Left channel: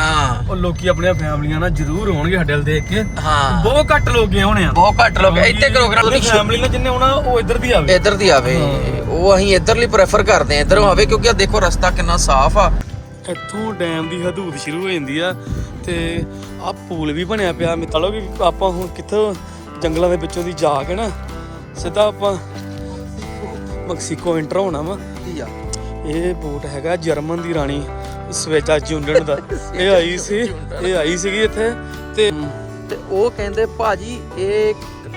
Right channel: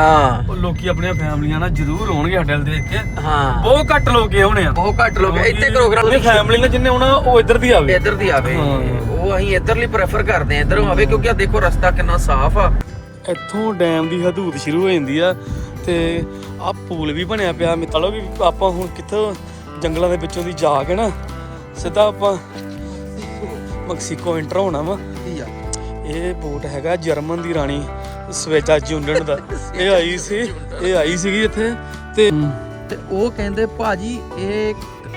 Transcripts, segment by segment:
ਹਾਂ। ਉਹ ਲੋਕੀ ਆਪਣੀਆਂ ਫੈਮਲੀਆਂ ਨਾਲ ਜ਼ਰੂਰ ਆਉਣਗੇ ਸਾਡੇ ਵੱਲ ਦੇਖ ਕੇ। ਹਾਂ। ਬਹੁਤ ਘੱਟ ਲੋਕ ਗਏ ਹੋਣੇ ਆ। ਬਹੁਤ ਘੱਟ ਲੋਕ ਇੱਥੇ ਪ੍ਰੋਗਰਾਮ ਦੀ ਫੈਮਲੀ ਨਾਲ ਜਿੰਨੇ ਆਉਣਾ ਉਹ ਇੱਧਰ ਦੀ ਆਵੇ। ਇੱਧਰ ਦੀ ਆਵੇ। ਉਹ ਅਸੀਂ ਇੱਧਰਲੀ ਪ੍ਰੈਫਰ ਕਰਦੇ ਆ ਇੱਧਰੋਂ ਆਵੇ ਕਿਉਂਕਿ ਆ ਦੇਖੋ ਰਸਤਾ ਕਿੰਨਾ ਸਾਫ਼ ਆ। ਇੱਥੋਂ ਡੈਮ ਦੀ ਹਦੂਦ ਸ਼ੁਰੂ ਹੋ ਜਾਂਦੀ ਆ ਤੇ ਆ ਪੂਲ ਵੀ ਬਣਿਆ ਪਿਆ। ਮਿੱਤਲੋ ਵੀ ਆਪਾਂ ਹੁਣ ਕਿੱਥੋਂ ਜੰਗਲਾਂ ਦੇ ਵਿੱਚੋਂ ਦੀ ਜਾ ਕੇ ਨਾ ਸਿੱਧਾ ਆਪਾਂ ਮੈਕਸੀਕੋ ਐਂਟਰ ਹੋਣਾ ਵਾ। ਇਹ ਬੋਟ ਹੈਗਾ ਜਰਮਨ ਦੀ ਰਾਣੀ। ਸਵੇਜਾ ਜੁੰਡਨ ਦਾ। ਇਹ ਆਈ ਸੀ ਇਹ ਆਈ ਸੀਗੀ ਇੱਥੇ ਤੇ ਤੇ ਉਹ ਕਹਿੰਦੇ ਭਾਜੀ ਇਹ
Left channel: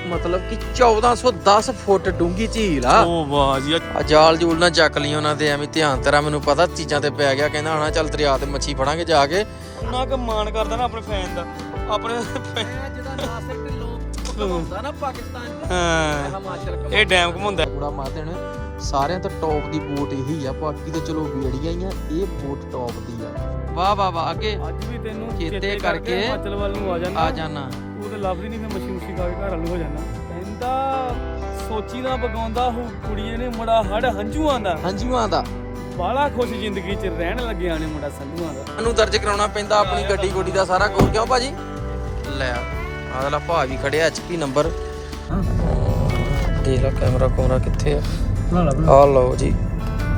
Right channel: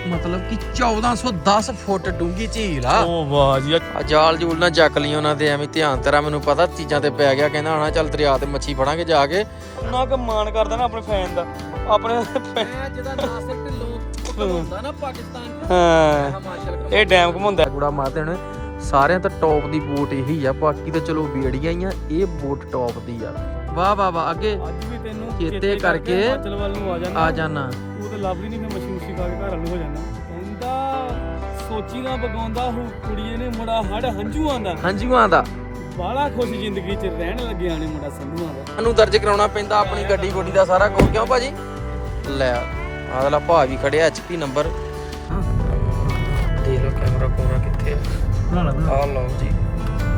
ਮਤਲਬ ਕਿ 1410 ਫੁੱਟ ਡੂੰਗੀ ਝੀਲ ਆ। ਉਹ ਵਾਹ ਜੀ ਆ ਜਾਲ ਜੂਲ ਨਾ ਚੱਕ ਲਈ ਉਹਨਾਂ ਦੇ ਐਵੇਂ ਧਿਆਨ ਤੇਰਾ ਮੈਨੂੰ ਪਤਾ ਚੀਜ਼ਾਂ ਤੇ ਪੈ ਗਿਆ ਕਹਿੰਦਾ ਹਣਾ ਚੱਲ ਦਰਿਆ ਤੇ ਮੱਛੀ ਫੜਾਂਗੇ ਜਾ ਕੇ। ਉਹਨਾਂ ਕ ਮਾਣ ਕਰਦਾ ਨਾ ਆਪਣੇ ਫੈਨ ਦਾ ਆਪਣੇ ਜਿਹਦਾ ਨਾਸਿਕ ਢਿੱਲੋਂ ਹੁੰਦਾ ਨਾ ਪਾਕਿਸਤਾਨ ਹਾਂ। ਹਿਮਾਚਲ ਇਹ ਡੈਮ ਘੁਮਾਉਂਦਾ ਗੁੜਾ ਮਾਰਦੇ ਨੇ ਸਾਰਿਆਂ ਤੋਂ ਟੌਪ ਦੀ ਬੋਟ ਇਹੀ ਆ ਬਾਕੀ ਤਾਂ ਚਲੋ ਬੇੜੀਆਂ ਹੀ ਆ ਇਹ ਬੋਟ ਟੌਪ ਦੀ ਆ। ਵਾਹ ਵਾਹ ਵਾਹ ਅੱਗੇ ਅੱਜ ਵੀ ਤੈਨੂੰ ਚੇਤੇ ਕਰਕੇ ਹਿਮਾਚਲ ਵੱਲ ਨੂੰ ਆ ਜਾਣਾ ਆ ਜਾਣਾ ਤੂੰ ਤੇ ਲੱਭ ਨਹੀਂ ਫਿਰ ਮੱਛੀ ਮੁੱਛੀ ਖਾ ਕੇ ਘਰ ਵੱਲ ਨੂੰ ਹੋ ਜਾਣਾ ਕਹਿੰਦਾ ਸੋਚੀ ਨਾ ਬਗਾਉਂਦਾ ਹੂ ਕੁੜੀਏ ਨੇ ਮੁੰਡਾ ਹੜ ਹੰਝੂਆਂ ਦਾ। ਹੰਝੂਆਂ ਦਾ। ਬਾਲਾ ਖੁਸ਼ ਜ਼ਿੰਦਗੀ 'ਚ ਰਹਿਣ ਲੱਗਿਆ ਨੇ ਮੁੰਡਾ ਸੰਧੂਆਂ ਦਾ। ਸਾਨੂੰ ਦਰਜ ਕਰਾਉਣਾ ਪੈਂਦਾ ਆਪਣੀ ਗੱਡੀ ਗੋਡੀ ਦਾ ਸਾਰਾ ਕੁਝ। ਕਿਉਂ ਭਾਜੀ? ਲੈ ਅਗਲਾ ਭਾਜੀ ਖੜਿਆ ਐਚਪੀ ਨੰਬਰ। ਦੇਖ ਲਓ ਕੈਮਰਾ ਕੋਰਾ ਕਿੱਥੇ ਆ। ਆ ਲਓ ਜੀ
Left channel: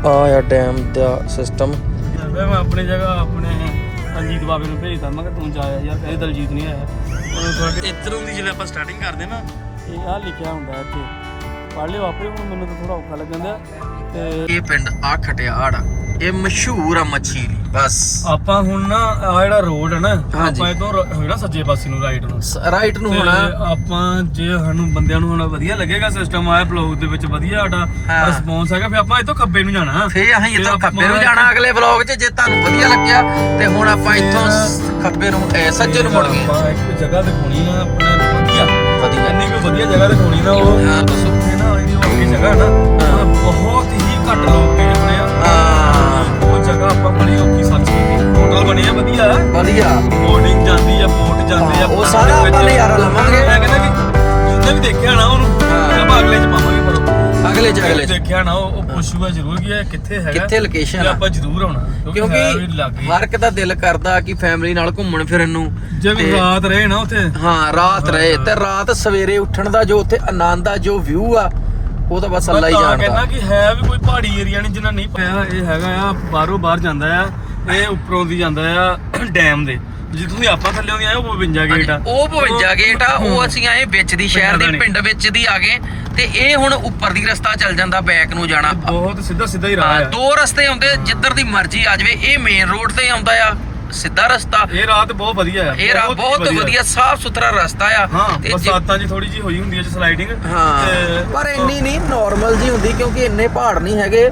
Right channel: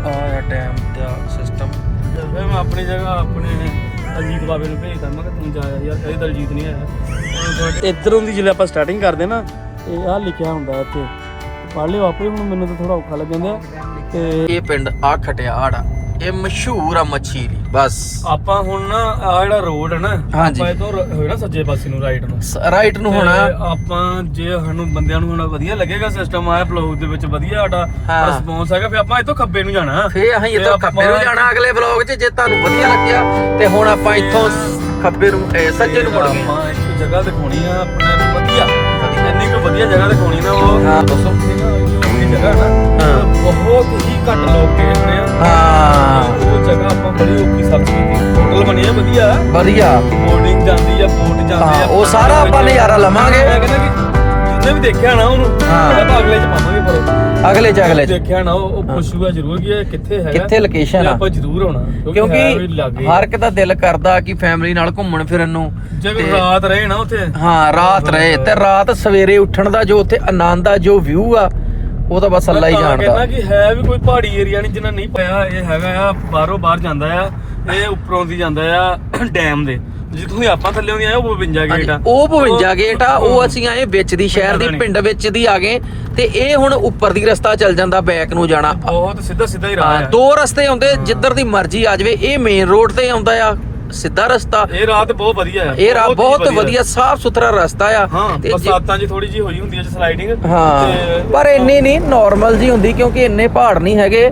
ਆ ਡੈਮ ਦਾ ਸਿਸਟਮ ਫਿਰ ਮੈਂ ਆਪਣੀ ਜਗ੍ਹਾ ਆਪਣੇ ਅਜੀਤ ਬਾਬੇ ਨੂੰ ਭੇਜਦਾ ਮੈਂ ਕਿ ਤੂੰ ਜਾਇਆ ਯਾਰ ਕਦੇ ਦਲਜੀਤ ਨਹੀਂ ਆਇਆ। ਉਹ ਤੁਹਾਡੇ ਇਧਰੋਂ ਦੀ ਜਦੋਂ ਆਪਾਂ ਸਟਾਰਟਿੰਗ ਕਰਦੇ ਨਾ ਇਹ ਆ ਲਿਖਿਆ ਹੁੰਦਾ ਇੱਥੇ। ਪੜ੍ਹ ਲਿਓ ਆਪੇ ਹੁਣ ਮੈਨੂੰ ਤਾਂ ਥੋੜਾ ਔਖਾ ਲੱਗਦਾ ਤੇ ਇਹ ਪਿੰਡ ਆ ਖਟਿਆੜ ਆ। ਇਹ ਮਸ਼ਹੂਰ ਆ ਮੱਛੀ ਦੀ ਬਸ। ਆਪਾਂ ਹੁਣ ਨਾ ਆ ਜਿਹੜਾ ਰੋਡ ਹੈ ਨਾ ਹਾਂਜੀ। ਆਪਾਂ ਹੋਇਆ ਨਾ ਸੱਜੇ ਪਾਸੇ ਨੂੰ ਰਾਈਟ ਨੂੰ। ਰਾਈਟ ਨੂੰ ਤੇ ਹੋਣਾ ਆਪਾਂ ਜੇ ਸਾਨੂੰ ਬੰਦਿਆਂ ਨੂੰ ਹੁਣ ਵਧੀਆ ਲੱਗੇਗਾ ਸਿਸਟਮ ਆਇਆ ਬਲੌਗ ਦੇ ਵਿੱਚ ਵਧੀਆ ਸਾਡਾ ਹਾਂ। ਰਿਸਪੌਂਸ ਹੈਗਾ ਫਿਰ ਆਪਾਂ ਇੱਥੋਂ ਖੱਬੇ ਨੂੰ ਜਾਣਾ। ਫੇ ਅਸੀਂ ਇੱਥੋਂ ਖੱਬੇ ਨੂੰ ਆਪਾਂ- ਜਾਣਾ ਅਗਲੇ ਵਲੌਗ 'ਚ ਜੇ ਤੁਹਾਨੂੰ ਵਧੀਆ ਲੱਗਿਆ ਤੇ ਹੁਣ ਆਪਾਂ ਇੱਥੋਂ ਸ- ਖੱਬੇ ਨੂੰ ਇਹ ਸੱਜੇ ਨੂੰ ਮੁੜ ਗਏ। ਆਪਾਂ ਇੱਕ ਜਗ੍ਹਾ ਦਿਖਾਉਣੀ ਆ ਆਪਣਾ ਵਧੀਆ। ਵਧੀਆ। ਇੰਨੀ ਕੋਈ ਵਧੀਆ ਜਗ੍ਹਾ ਦਿਖਾਉਣੀ ਨਾ ਉਹ ਹਾਂ। ਇਹ ਨਾ ਇਹ ਜਗ੍ਹਾ ਨਾ ਇਹ ਬਹੁਤ ਹੀ ਘੱਟ ਲੋਕ ਹੋਏ ਆ। ਆਪਾਂ ਬੜੀ ਔਖੀ ਸਰਚ ਕੀਤੀ ਹੋਟਲ ਬਣਿਆ ਵਧੀਆ ਹੈ? ਵਧੀਆ। ਬੋਰਡਿੰਗ ਜਾਂਦੀ ਆ ਬੋਟ ਜਾਂਦੇ ਆ ਉਹ ਸਾਰੇ ਆਪਾਂ ਨਜ਼ਾਰਾ ਲਵਾਂਗੇ। ਮੈਂ ਕਹਿੰਦਾ ਵੀ ਜਿੱਦਾਂ ਵੀ ਦੇਖਿਆ ਨਾ ਉਹਨੂੰ ਆਪਾਂ ਅਗਲੇ ਚ ਪਾਵਾਂਗੇ ਪਰ ਅਗਲੇ ਜਗਲੇ 'ਚ। ਦੇਖਿਆ ਨਾ ਉਹ ਉਹ ਪੁੱਛੂਗਾ ਜ਼ਰੂਰ ਕਿ ਇਹ ਕਿੱਥੇ ਹੈਗਾ। ਕਿੱਥੇ location ਤੇ ਆ? ਆਪਾਂ ਜ਼ਰੂਰ ਆਉਣਾ ਕਿਉਂਕਿ ਹੈ ਵੀ ਕਿਉਂਕਿ ਲੱਗੇ। ਹਰ ਇੱਕ ਦਾ ਦਿਲ ਕਰਦਾ ਕਿ ਫੈਮਿਲੀ ਨਾਲ ਘੁੰਮਣ ਫਿਰਨ ਨੂੰ। ਜੇ ਵੀ ਰਾਤ ਰਹੇ ਨਾ ਉੱਥੇ। ਹਾਂ ਰਾਤ ਰਹੇ ਤੇ ਰਾਤ ਸਵੇਰੇ ਉੱਠਣ ਦਾ ਜੋ ਉੱਥੇ ਆਨੰਦ ਆ ਜੋ ਵਿਊ ਆ ਉਹ ਤਾਂ ਬਸ ਅੱਲਾ ਹੀ ਤਾਂ ਕਹਿੰਦਾ ਜਾਣਦਾ ਕਿ ਹੈ ਵੀ ਕੋਈ ਪਹਾੜੀ ਏਰੀਆ ਨਹੀਂ ਜਿੰਨਾ ਨਹੀਂ ਪਿਆ ਇਹ ਹੈਗਾ ਆ ਬਾਹਰੋਂ ਬਾਹਰ ਜਾਂਦਾ ਆ ਇਹ ਉੱਪਰੋਂ ਦੀ ਜਾਂਦਾ ਆ ਡੈਮ ਦੇ। ਜਿੱਥੋਂ ਦੀ ਆਪਾਂ ਥੱਲੇ ਆਉਂਦੇ ਆ ਉਹ 52 ਗੇਟ ਆ। ਉਹ 52 ਗੇਟ ਆ ਉਹ ਅਸੀਂ ਆਏ ਵਿੱਚ ਦੀ ਸ਼ਹਿਰ ਦੀ। ਪਿੰਡ ਵਿੱਚ ਦੀ ਆ ਗਏ ਤੇ ਇਹ ਹੁਣ ਉੱਪਰ ਦੀ ਰਸਤਾ ਚੱਲ ਜਾਂਦਾ ਬੈਕ ਨੂੰ ਜਾਣਾ। ਬਹੁਤ ਸਿੱਧਾ ਸਿੱਧਾ ਹੀ ਰਾਹ ਆ। ਦੋ ਰਸਤੇ ਆਉਂਦੇ ਜਿੱਧਰ ਦੀ ਮਰਜ਼ੀ ਆ ਜਾਵੇ ਇਹ ਮੇਨ ਰੋਡ ਤੇ ਆਉਂਦਾ ਆ। ਸਿੱਧਾ ਰਸਤਾ। ਇਹ ਰਾਤ ਬਹੁਤ ਵਧੀਆ ਹੈ। ਇਹ ਰਾ ਬਹੁਤ ਵਧੀਆ। ਸਾਫ਼ ਸੁਥਰਾ ਰਸਤਾ ਆ। ਤੇ ਜੇ- ਬਰਸਾਤਾਂ 'ਚ ਥੋੜੀ ਜਿਹੀ ਹੋਈ ਹੁੰਦੀ ਹੈ ਸਲਾਈਡਿੰਗ ਹਾਂ। ਪਰ ਇੰਨੀ ਨਹੀਂ ਨਾਰਮਲ ਜੀ ਹੁੰਦੀ ਕਿਉਂਕਿ ਇੰਨੇ ਪਹਾੜ ਨਹੀਂ ਹੈਗੇ।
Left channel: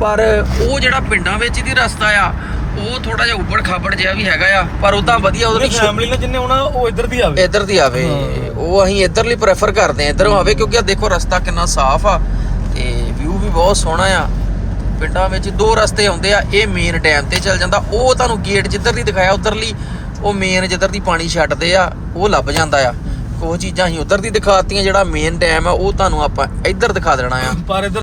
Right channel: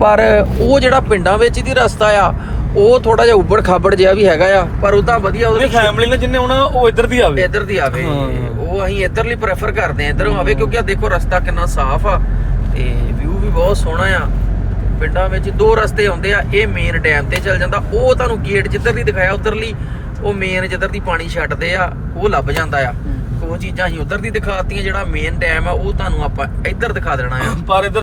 ਪਰ ਉਹ ਜਿਹੜਾ ਪਿੰਡਾਂ ਵਿੱਚ ਦੀ ਰਸਤਾ ਆ ਉਹ ਥੋੜਾ ਜਿਹਾ ਉੱਬੜ ਖਾਬੜ ਜਿਹਾ ਵੀ ਹੈਗਾ ਆ। ਪਰ ਉਦਾਂ ਵਧੀਆ ਉਹਦੇ ਲਈ ਫੈਮਿਲੀ ਨਾਲ ਜਿੰਨੇ ਆਉਣਾ ਉਹ ਇੱਧਰ ਦੀ ਆਵੇ। ਇੱਧਰ ਦੀ ਆਵੇ। ਉਹ ਅਸੀਂ ਇੱਧਰਲੀ ਪ੍ਰੈਫਰ ਕਰਦੇ ਆ ਇੱਧਰੋਂ ਆਵੇ ਕਿਉਂਕਿ ਆ ਦੇਖੋ ਰਸਤਾ ਕਿੰਨਾ ਸਾਫ਼ ਆ। ਤੇ ਵਿਊ ਵੀ ਬਹੁਤ ਸੋਹਣਾ ਆ। ਪਿੰਡਾਂ ਵਿੱਚ ਦੋ ਰਸਤੇ ਆਉਂਦੇ ਆ, ਇਹ ਮੇਨ ਡੈਮ ਤੇ ਚੱਲ ਜਾਂਦਾ। ਉਹ ਤੁਹਾਨੂੰ ਗੇਟ ਜਿੱਧਰ ਦੀ ਦਿਖਾਇਆ, ਉਧਰਲੀ, ਉਹ ਮੇਨ ਜਿੱਧਰ ਦੀ ਪਾਣੀ ਛੱਡਦੇ ਆ, ਉਹ ਲੱਭ ਜਾਂਦਾ ਆ। ਉਹ ਚੀਜ਼ਾਂ ਅਸੀਂ ਉਧਰ ਦੀ ਦਿਖਾਤੀਆਂ ਜਿਹੜਾ ਮੇਨ ਡੈਮ ਆ, ਉਹ ਤੁਹਾਨੂੰ ਆਪਾਂ ਇੱਧਰ ਦਿਖਾ ਦੇਣਾ ਆ। ਪਰ ਇੱਧਰ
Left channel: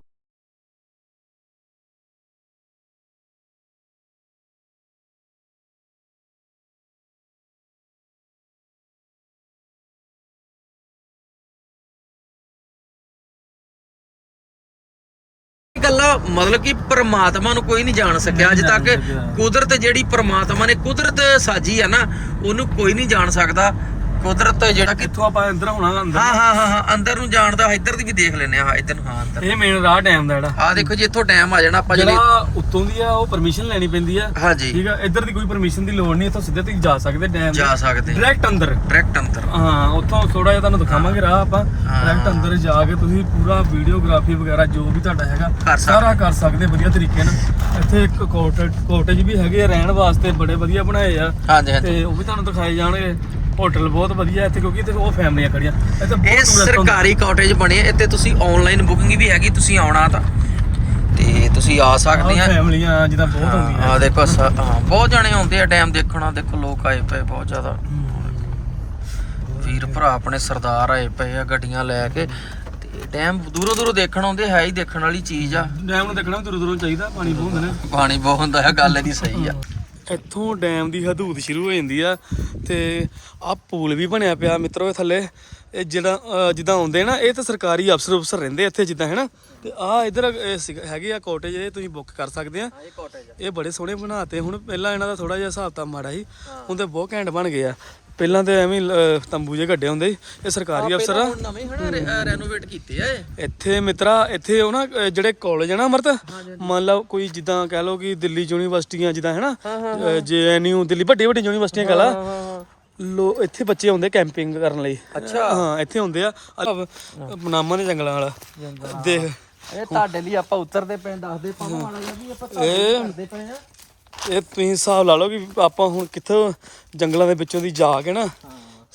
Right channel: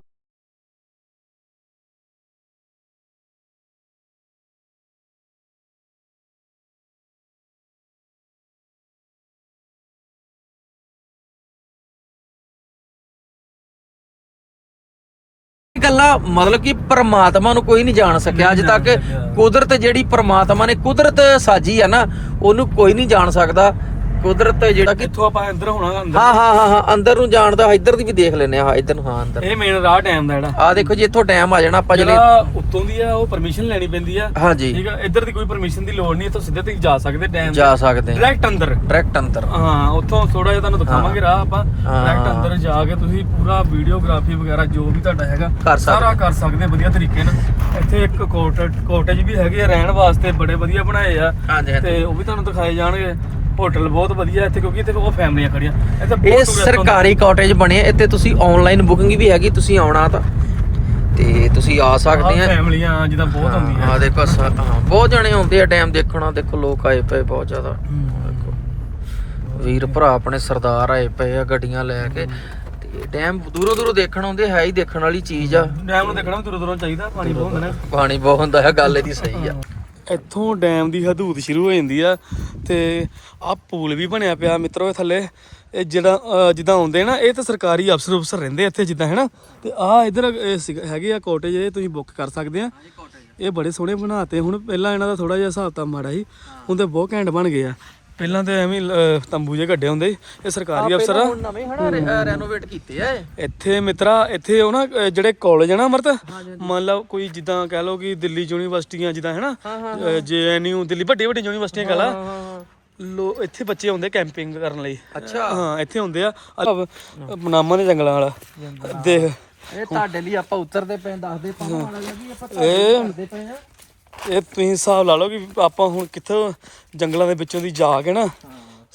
ਮਤਲਬ ਕਿ ਪ੍ਰਮਾਤਮਾ ਨੂੰ ਕੋਈ ਨਹੀਂ ਜਾਣ ਸਕਿਆ। ਅੱਜ ਤੱਕ ਕੁਦਰਤ ਜਿਹੜੀ ਪ੍ਰਮਾਤਮਾ ਨੇ ਕੁਦਰਤ ਸਾਜੀ ਆ ਨਾ ਉਹਨੂੰ ਕੋਈ ਨਹੀਂ ਜਾਣ ਸਕਦਾ। ਕੁਦਰਤ ਜਿਹੜਾ ਕਿ ਕਿੱਥੋਂ ਆਪਾਂ ਅੰਦਰ ਹੋਣਾ ਅੰਦਰ। ਹਾਂ ਹਾਂ ਹਾਂ ਹਾਂ ਅੰਦਰ ਨੂੰ ਜਾਣ ਦਾ ਇੱਧਰ ਦੀ ਵੀ ਦੇਖ ਲੈਨੇ ਆ ਹਾਂ ਇੱਧਰ ਨੂੰ ਹਾਂ ਅੰਦਰ। ਇਹ ਮੇਨ ਰਾਹ ਡੈਮ ਦਾ ਜਿਹੜਾ। ਆ ਦੇਖੋ ਜੀ ਇੱਥੋਂ ਟਾਈਮ ਆ ਜਾਣਾ ਆਪਾਂ ਜਿਹੜੇ ਜਿਹੜਾ ਉੱਤੋਂ ਦੀ ਆ ਉਹ ਪਰਮਿਸ਼ਨ ਲੈਣੀ ਪੈਂਦੀ ਆ। ਹਾਂਜੀ। ਠੀਕ ਆ ਇੱਧਰ ਦੀ ਕੋਈ ਪਰਮਿਸ਼ਨ ਦੀ ਲੋੜ ਨਹੀਂ ਇੱਥੋਂ ਸਿੱਧਾ ਤੁਸੀਂ ਜਾ ਸਕਦੇ ਡੈਮ ਜਾ ਸਕਦੇ ਆ ਡਾਇਰੈਕਟ ਅੰਦਰ। ਡਾਇਰੈਕਟ ਅੰਦਰ। ਹਾਂ ਉੱਥੋਂ ਥੋੜਾ ਜਿਹਾ ਤੁਹਾਨੂੰ ਦਿਖਾਵਾਂਗੇ ਰਾਹ ਆਪਾਂ। ਡਾਇਰੈਕਟ ਅੰਦਰ ਜਾ ਕੇ ਤੁਸੀਂ ਪੂਰਾ ਵੀਡੀਓਗ੍ਰਾਫੀ ਵਗੈਰਾ ਜੋ ਵੀ ਤੁਹਾਡਾ ਹੈਗਾ। ਸਾਰਾ ਕਰ ਸਕਦੇ ਵਧੀਆ ਤਰੀਕੇ ਨਾਲ। ਇੱਥੇ ਇੱਕ ਕੋਟੇਜ ਕੋਟੇਜ ਵੀ ਹੈਗੇ ਰਹਿਣ ਵਾਸਤੇ ਬੜੇ ਵਧੀਆ ਬਣਾਏ ਆ। ਹਾਂਜੀ ਹਾਂਜੀ। ਤੇ ਉਹ ਵੀ ਤੁਹਾਨੂੰ ਦਿਖਾਏ ਜਾਣਗੇ। ਹੋਟਲ ਬਹੁਤ ਵਧੀਆ ਇੱਥੇ ਕਿਉਂਕਿ ਇੱਥੇ ਉਹ ਫੈਮਲੀਆਂ ਖੜੀਆਂ। ਇੱਥੇ ਬਹੁਤ ਇਹ tourist ਆਉਂਦੇ। ਸਰਕਾਰੀ ਕਾਟੇਜ ਬਣੇ ਆ, ਇੱਥੇ ਤੁਸੀਂ ਆਨਲਾਈਨ ਬੁਕਿੰਗ ਵੀ ਹੈਗੀ ਤੁਸੀਂ ਆਉਣਾ ਤਾਂ। ਤੇ ਤੁਸੀਂ ਆ ਸਕਦੇ ਆ। ਆਹ ਫੈਮਲੀਆਂ ਜਿੱਦਾਂ ਬਹੁਤ ਹੁੰਦੀਆਂ। ਆ ਦੇਖੋ ਸ- ਹਾਂ ਬਹੁਤ ਜਣੇ ਆਉਂਦੇ ਆ ਡੈਮ ਦੇਖਣਾ ਦੇਖੋ ਲੋਕ ਆਏ ਪਏ ਬਹੁਤ ਜ਼ਿਆਦਾ। ਵੀਰ ਭਰਾ ਆਪਣੇ ਸਰਦਾਰ ਆਏ ਪਏ ਆ ਗੱਡੀਆਂ ਲੈ ਕੇ। ਤੇ ਡੈਮ ਦੂਰੋਂ ਦੂਰੋਂ ਦੇਖਣ ਆਉਂਦੇ ਹੈ ਹੀ ਦੇਖਣ ਵਾਲੀ ਚੀਜ਼ ਆ। ਡੈਮ ਨੂੰ ਦੇਖਣਾ ਵੀ ਦੂਰੋਂ ਦੂਰੋਂ ਚਾਹੀਦਾ ਪਾਣੀ ਬਹੁਤ ਹੁੰਦਾ। ਪਾਣੀ ਬਹੁਤ ਹੁੰਦਾ ਹੈ ਗੱਲ ਇਹਦੀ ਸਹੀ ਆ। ਇੱਥੋਂ ਡੈਮ ਦੀ ਹਦੂਦ ਸ਼ੁਰੂ ਹੋ ਜਾਂਦੀ ਆ ਤੇ ਆ ਪੂਲ ਵੀ ਬਣਿਆ ਪਿਆ ਮਿੱਤਰੋ ਇਹ ਥੱਲੇ। ਇਹ ਜਿਹੜਾ ਜਿੱਦਾਂ ਆਉਂਦੇ ਨਾ ਇਹ ਤਾਂ ਸਰਕਾਰੀ ਅਫਸਰ ਅਫਸਰ ਰਹਿੰਦੇ ਇੱਥੇ ਜਿੱਦਾਂ ਹੈਨਾ? ਤੇ ਆ ਇਧਰ ਹੈਗੇ ਆ ਕਾਟੇਜ ਇਹ ਤੁਸੀਂ ਬੁੱਕ ਕਰ ਸਕਦੇ ਆ। ਇਹ ਬੜੇ ਸੋਹਣੇ ਬਣਾਤੇ। ਹੁਣ ਪਹਿਲਾਂ ਇਹਨਾਂ ਦਾ ਥੋੜਾ ਜਿਹਾ ਹਿਸਾਬ ਤਾਂ ਮਾੜਾ ਸੀ। ਹੁਣ ਤੇ ਬਹੁਤ ਘੈਂਟ ਬਣ ਗਏ ਆ। ਪਹਿਲਾਂ ਤੇ ਐਵੇਂ ਹੀ, ਅਹ, ਤੰਬੂ ਜੇ ਗੱਡੇ ਹੁੰਦੇ ਸੀ। ਇਹ ਸਰਕਾਰੀ ਅਫਸਰ ਆ। ਨਵੇਂ ਹਨਾ ਰੈਨੋਵੇਟ ਕੀਤੇ ਆ ਇਹ। ਇੱਥੇ ਮਿੱਤਰਾ ਇੱਥੇ ਉਹ ਨਾ ਅਹ, ਜਿਹੜੇ ਕਾਲਜ ਆ ਨਾ ਅਮਰਤ ਮੰਨ ਲਓ ਕੋਈ ਜਿੱਦਾਂ ਕਹਿ ਲਓ ਕਿ ਦਿੱਲੀ ਯੂਨੀਵਰਸਿਟੀਆਂ ਜਿੱਦਾਂ ਹੈਨਾ ਜੇਐਨਯੂ ਦਿੱਲੀ ਵੱਡੀ ਵੱਡੀ ਯੂਨੀਵਰਸਿਟੀਆਂ ਕਹ ਲਾ। ਲੋ ਇੱਥੇ ਬੱਚੇ ਆਉਂਦੇ ਕੈਂਪਿੰਗ ਕਰਨ ਲਈ। ਅੱਛਾ। ਹਾਂ ਇੱਥੇ ਹੁੰਦੇ ਆ। ਮਨਾਮਾ ਦੇ ਜੰਗਲਾਂ ਵਾਲਾ। ਦੇਖ। ਇਹ ਤੁਹਾਡੇ ਲਈ ਆਪਾਂ ਉਤਰਦੇ ਪਏ ਦੱਸਦੇ ਪਾਵਾਂ ਵਾਲਾ ਵੀ ਆਪਾਂ ਇਹ ਕਰਦੇ ਪਏ ਆ ਇਹ ਤੁਸੀਂ ਹਿਸਾਬ ਲਾ ਲਓ ਕਿ ਆਪਾਂ ਹੁਣ ਕਿੱਥੋਂ ਜੰਗਲਾਂ ਦੇ ਵਿੱਚੋਂ ਦੀ ਜਾ ਕੇ ਨਾ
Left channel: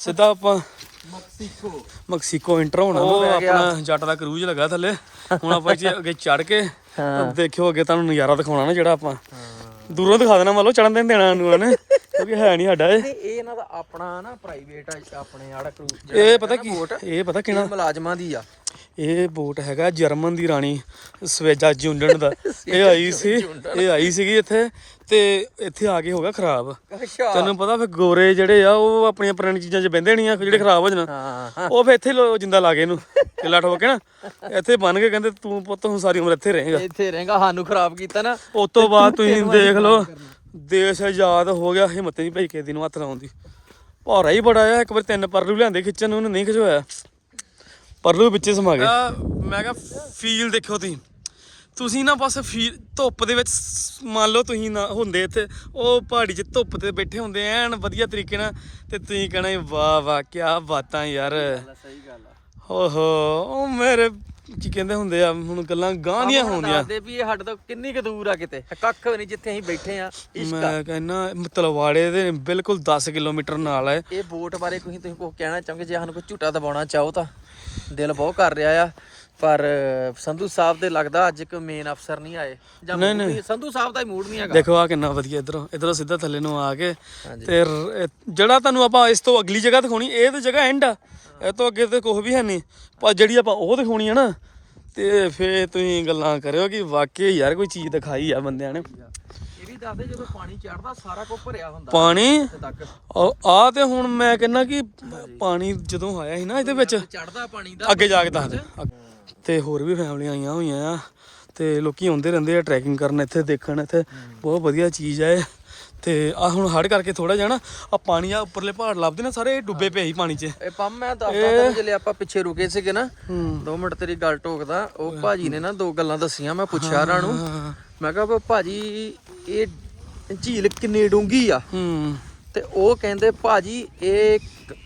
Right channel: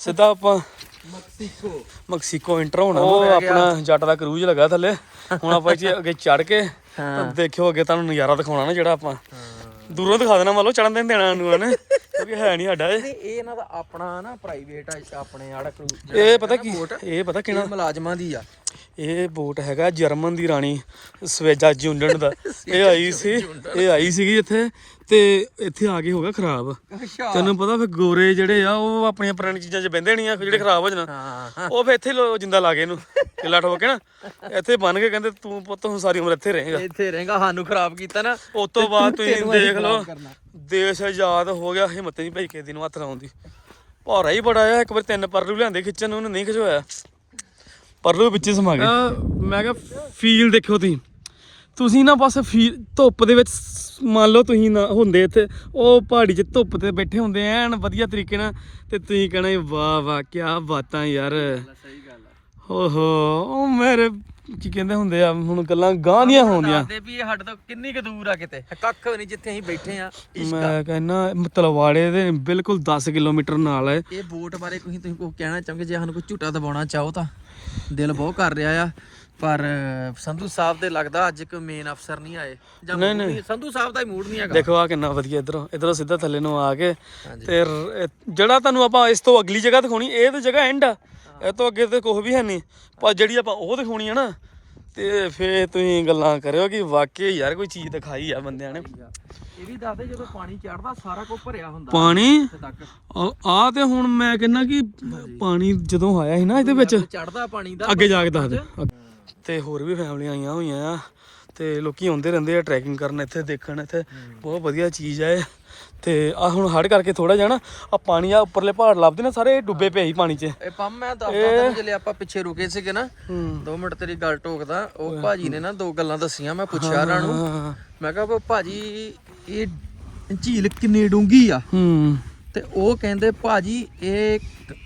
ਸਿੱਧਾ ਆਪਾਂ ਮੈਕਸੀਕੋ। ਮੈਕਸੀਕੋ ਇੰਟਰ ਹੋਣਾ ਉਹ ਆਪਣਾ ਜੱਟ ਦਾ ਕਰੂਜ਼ ਲੱਗਾ ਥੱਲੇ ਹੁਣ ਆਪਾਂ ਇੱਥੇ ਅੱਗੇ ਚੜ ਕੇ ਦੇਖਿਓ ਅੱਗੇ ਤੁਹਾਨੂੰ ਨਜ਼ਾਰਾ ਦਿਖਾਉਣਾ ਨਾ ਜਿਹੜਾ ਆਪਾਂ। ਦੂਰੋਂ ਦਿਖਾ ਦੇਣਾ ਮੰਨ ਲਓ ਚੜਨ ਦੇ ਨੀ ਦੇਣਾ ਨੂੰ ਨੇ ਕਿਉਂਕਿ ਹੈ ਨਹੀਂ ਸਾਡਾ ਇਹ। ਇਹਨਾਂ ਦਾ ਆਪਣਾ ਨਾ ਪ੍ਰਾਈਵੇਟ ਆ ਆਪਣੇ ਵਾਲਾ ਕੋਈ ਇਹ ਪਤਾ ਕੀ ਇਹ ਪਤਾ ਕਿਹੜਾ? ਮੁਲਾਜ਼ਮਾਂ ਦੀ ਆ। ਇਹ ਬੋਟ ਹੈਗਾ ਜਰਮਨ ਦੀ ਰਾਣੀ ਸਵੇਜਾ ਜੁੰਡਨ ਦਾ। ਇਹ ਆਈ ਸੀ ਇਹ ਆਈ ਸੀਗੀ ਇੱਥੇ ਤੇ ਇੱਥੇ ਆ ਕੇ ਹੋ ਗਿਆ ਖਰਾਬ। ਤੈਨੂੰ ਪਤਾ ਫਿਰ ਗੋਰੇ ਜਿਹੜੇ ਆ ਉਹ ਆਪਣੀਆਂ ਪੁਰਾਣੀ ਚੀਜ਼ਾਂ 'ਚ ਬਹਿੰਦੇ ਨਹੀਂ ਆ ਫਿਰ ਜਿਹੜੇ ਖਰਾਬ ਹੋ ਜਾਣ। ਉਹ ਫਿਰ ਇੱਥੇ ਲੋ ਜਿੰਦਾ ਲਾ ਕੇ ਇਹਨੂੰ ਕਿੱਲਾ ਠੋਕ ਕੇ ਨਾ। ਇੱਥੇ ਬੰਨ ਕੇ ਕਹਿੰਦੇ ਤੂੰ ਪੁੱਤ ਹੁਣ ਸਾਰੀ ਉਮਰ ਇੱਥੇ ਰਹੇਗਾ। ਇੱਥੇ ਰਹੇਗਾ ਸਾਨੂੰ ਖਰਾਬ ਕੀਤਾ ਨਾ। ਉਸ ਤੋਂ ਬਾਅਦ ਤੁਸੀਂ ਦੇਖ ਲਓ। ਦੇਸ਼ ਆਜ਼ਾਦ ਹੋ ਗਿਆ ਹਿੰਮਤ ਨਹੀਂ ਪਈ ਕਿਸੇ ਨੂੰ ਹੱਥ ਲਾਉਣ ਦੀ। ਭਾਰਾ ਹੀ ਬੜਾ ਆ ਇੱਕ ਵਾਰ ਤਿੰਨ ਪਰਲੂ ਲਿਆਂਦੇ ਖਿੱਚਣ ਨੂੰ ਉਹਨੇ ਨਹੀਂ ਖਿਚਵਾਇਆ। ਪਰਲੂ ਵਿੱਚੇ ਸਮਾ ਗਏ। ਮੈਂ ਕਿਹਾ ਫੀਲ ਦੇਖੋ ਤੁਸੀਂ। ਤੁਸੀਂ ਨਾ ਬਸ ਫੀਲ ਧੁੱਪ ਦੇ ਵਿੱਚ ਮੰਨ ਲਓ ਤੁਸੀਂ ਨਾ ਹੁੰਦੇ ਇੱਥੇ ਉਹ ਪਹਾੜੀ 'ਚ ਧੁੱਪ ਤੇ ਬੈਠੇ ਹੁੰਦੇ ਐਨ ਵਧੀਆ ਤਰੀਕੇ ਨਾਲ। ਤੇ ਤੁਸੀਂ ਕਹਣਾ ਵਾਹ ਵਾਹ ਕੀ ਬਾਤਾਂ ਯਾਰ। ਸਹੀ ਗੱਲ ਆ। ਓਹੋ ਉਹ ਮੇਰੇ ਕੀ ਕਹਿੰਦੇ ਹੁੰਦੇ ਆ ਹੁਣ ਗੱਲਾਂ ਗਾਂ ਦੀਆਂ ਹੁੰਦੀਆਂ ਦੱਸਦੇ ਵੀ ਇਹ ਸਾਡੇ ਤੋਂ ਕਿੰਨੀ ਕੁ ਦੂਰ ਆ ਕਿਤੇ? ਕੱਖ ਨਹੀਂ ਜਿੱਥੇ ਅਸੀਂ ਬੈਠੇ ਆ ਮੈਂ ਕਹਿੰਦਾ ਤਲਵਾੜੇ ਦੇ ਬਿਲਕੁਲ 10 ਕਿਲੋਮੀਟਰ ਨਾਲ ਹੈ ਇਹ। ਬੋਟ ਬਾਰੇ ਕੋਈ ਤੁਸੀਂ ਕੁਝ ਕਹਿਣਾ ਚਾਹੋਗੇ? ਜੇ ਸਾਨੂੰ ਕੋਈ ਝੂਟਾ ਦਬਾਉਣਾ ਚਾਹੋ ਤਾਂ। ਦਿਲ ਬਹੁਤ ਕਰ ਰਿਹਾ ਆ। ਪਰ ਸੰਧੂ ਸਾਹਿਬ ਦੇ ਲੱਗਦਾ ਅੱਜ ਕੋਈ ਮੇਨ ਅਫਸਰ ਨਹੀਂ ਆਏ। ਨਹੀਂ, ਨਹੀਂ- ਸੰਧੂ ਸਾਹਿਬ ਦਾ ਹੀ ਮੂਡ ਨਹੀਂ ਹੈਗਾ। ਦੇਖੋ ਆ ਕਿੰਨਾ ਵਧੀਆ ਇਧਰੋਂ ਇਧਰੋਂ ਸਿੱਧਾ ਥੱਲੇ ਨੂੰ ਆ ਕੇ ਤੇ ਰ- ਇਹ ਜਿਹੜਾ ਤੁਹਾਨੂੰ ਆਪਾਂ ਇਸ ਤੋਂ ਅਗਲੀ ਜਗ੍ਹਾ ਦਿਖਾਉਣੀ ਇਹ ਤੇ ਜਗ੍ਹਾ ਐਂਡ ਆ। ਇਹ ਤੋਂ ਅੱਗੇ ਤੇ ਕੁਝ ਵੀ ਹੈ ਨਹੀਂ। ਪਰ ਜਿਹੜੀ ਆਪਾਂ ਉਹ ਦਿਖਾਉਣੀ ਆ ਨਾ ਤੇ ਫੇਰ ਤੁਸੀਂ ਗੱਲਾਂ ਕਰਿਓ ਕਿ ਵਾਕਈ ਯਾਰ ਕੋਈ ਚੀਜ਼ ਦਿਖਾਈ ਆ ਬੰਦਿਆਂ ਨੇ। ਇਹ ਵੀ ਦੱਸਦੇ ਜਦੋਂ ਪਾਣੀ ਚੜਦਾ ਸਾਰਾ ਕੁਝ ਭਰਿਆ ਹੁੰਦਾ। ਪਾਣੀ? ਇੱਥੇ ਤੱਕ। ਆ ਤੇ ਹੁਣ ਮੈਂ ਕਹਿੰਦਾ ਕਿ ਪਾਣੀ ਜਦੋਂ ਆਇਆ ਸੀ ਨਾ ਇਹਦੇ ਵਿੱਚ ਚੜਦਾ ਪਾਣੀ ਦਾ ਅੱਗੇ ਜਾ ਕੇ ਦੱਸ ਦੇ। ਤੇ ਹੋਰ ਵੀ ਫੈਮਲੀਆਂ ਆਈਆਂ ਹੋਈਆਂ ਆ ਤੇ ਲੋਕੀ ਆਉਂਦੇ ਰਹਿੰਦੇ ਆ ਟਰੈਕਿੰਗ ਕਰਨ ਇੱਥੇ ਦੇਖਣ ਇੱਥੇ ਬਹੁਤ ਵਧੀਆ ਚੀਜ਼ ਆ ਇਹ। ਤੇ ਆ ਹੁਣ ਹੜ ਕਰਕੇ ਥੋੜਾ ਜਿਹਾ ਨਾ ਆ ਪਾਣੀ ਆ ਉੱਪਰਲੇ ਪਹਾੜ ਲੱਭਦੇ ਨਾ ਸਾਰੇ ਡੁੱਬੇ ਪਏ ਸੀ ਪਾਣੀ 'ਚ। ਇਹ ਪੰਮ ਮੈਂ ਦੱਸਦਾ ਤੁਹਾਨੂੰ ਜਿਹੜੇ ਆਪਾਂ ਪਿੱਛੇ ਰੁਕੇ ਸੀਗੇ ਨਾ ਹੂੰ। 2 ਮਿੰਟ ਤੇਰੀ ਗੱਲ ਟੋਕਦਾ ਉਹ ਭਾਜੀ ਨੇ ਨਾ ਦੋ ਗੱਲਾਂ ਦੱਸੀਆਂ ਮੈਂ ਪੁੱਛਿਆ ਉਹਨਾਂ ਨੂੰ। ਮੈਂ ਕਿਹਾ ਵੀ ਭਾਜੀ ਇਹ ਝੀਲ ਕਿੰਨੀ ਡੂੰਗੀ ਆ। ਹੂੰ। ਤੇ ਉਹ ਕਹਿੰਦੇ ਭਾਜੀ ਇਹ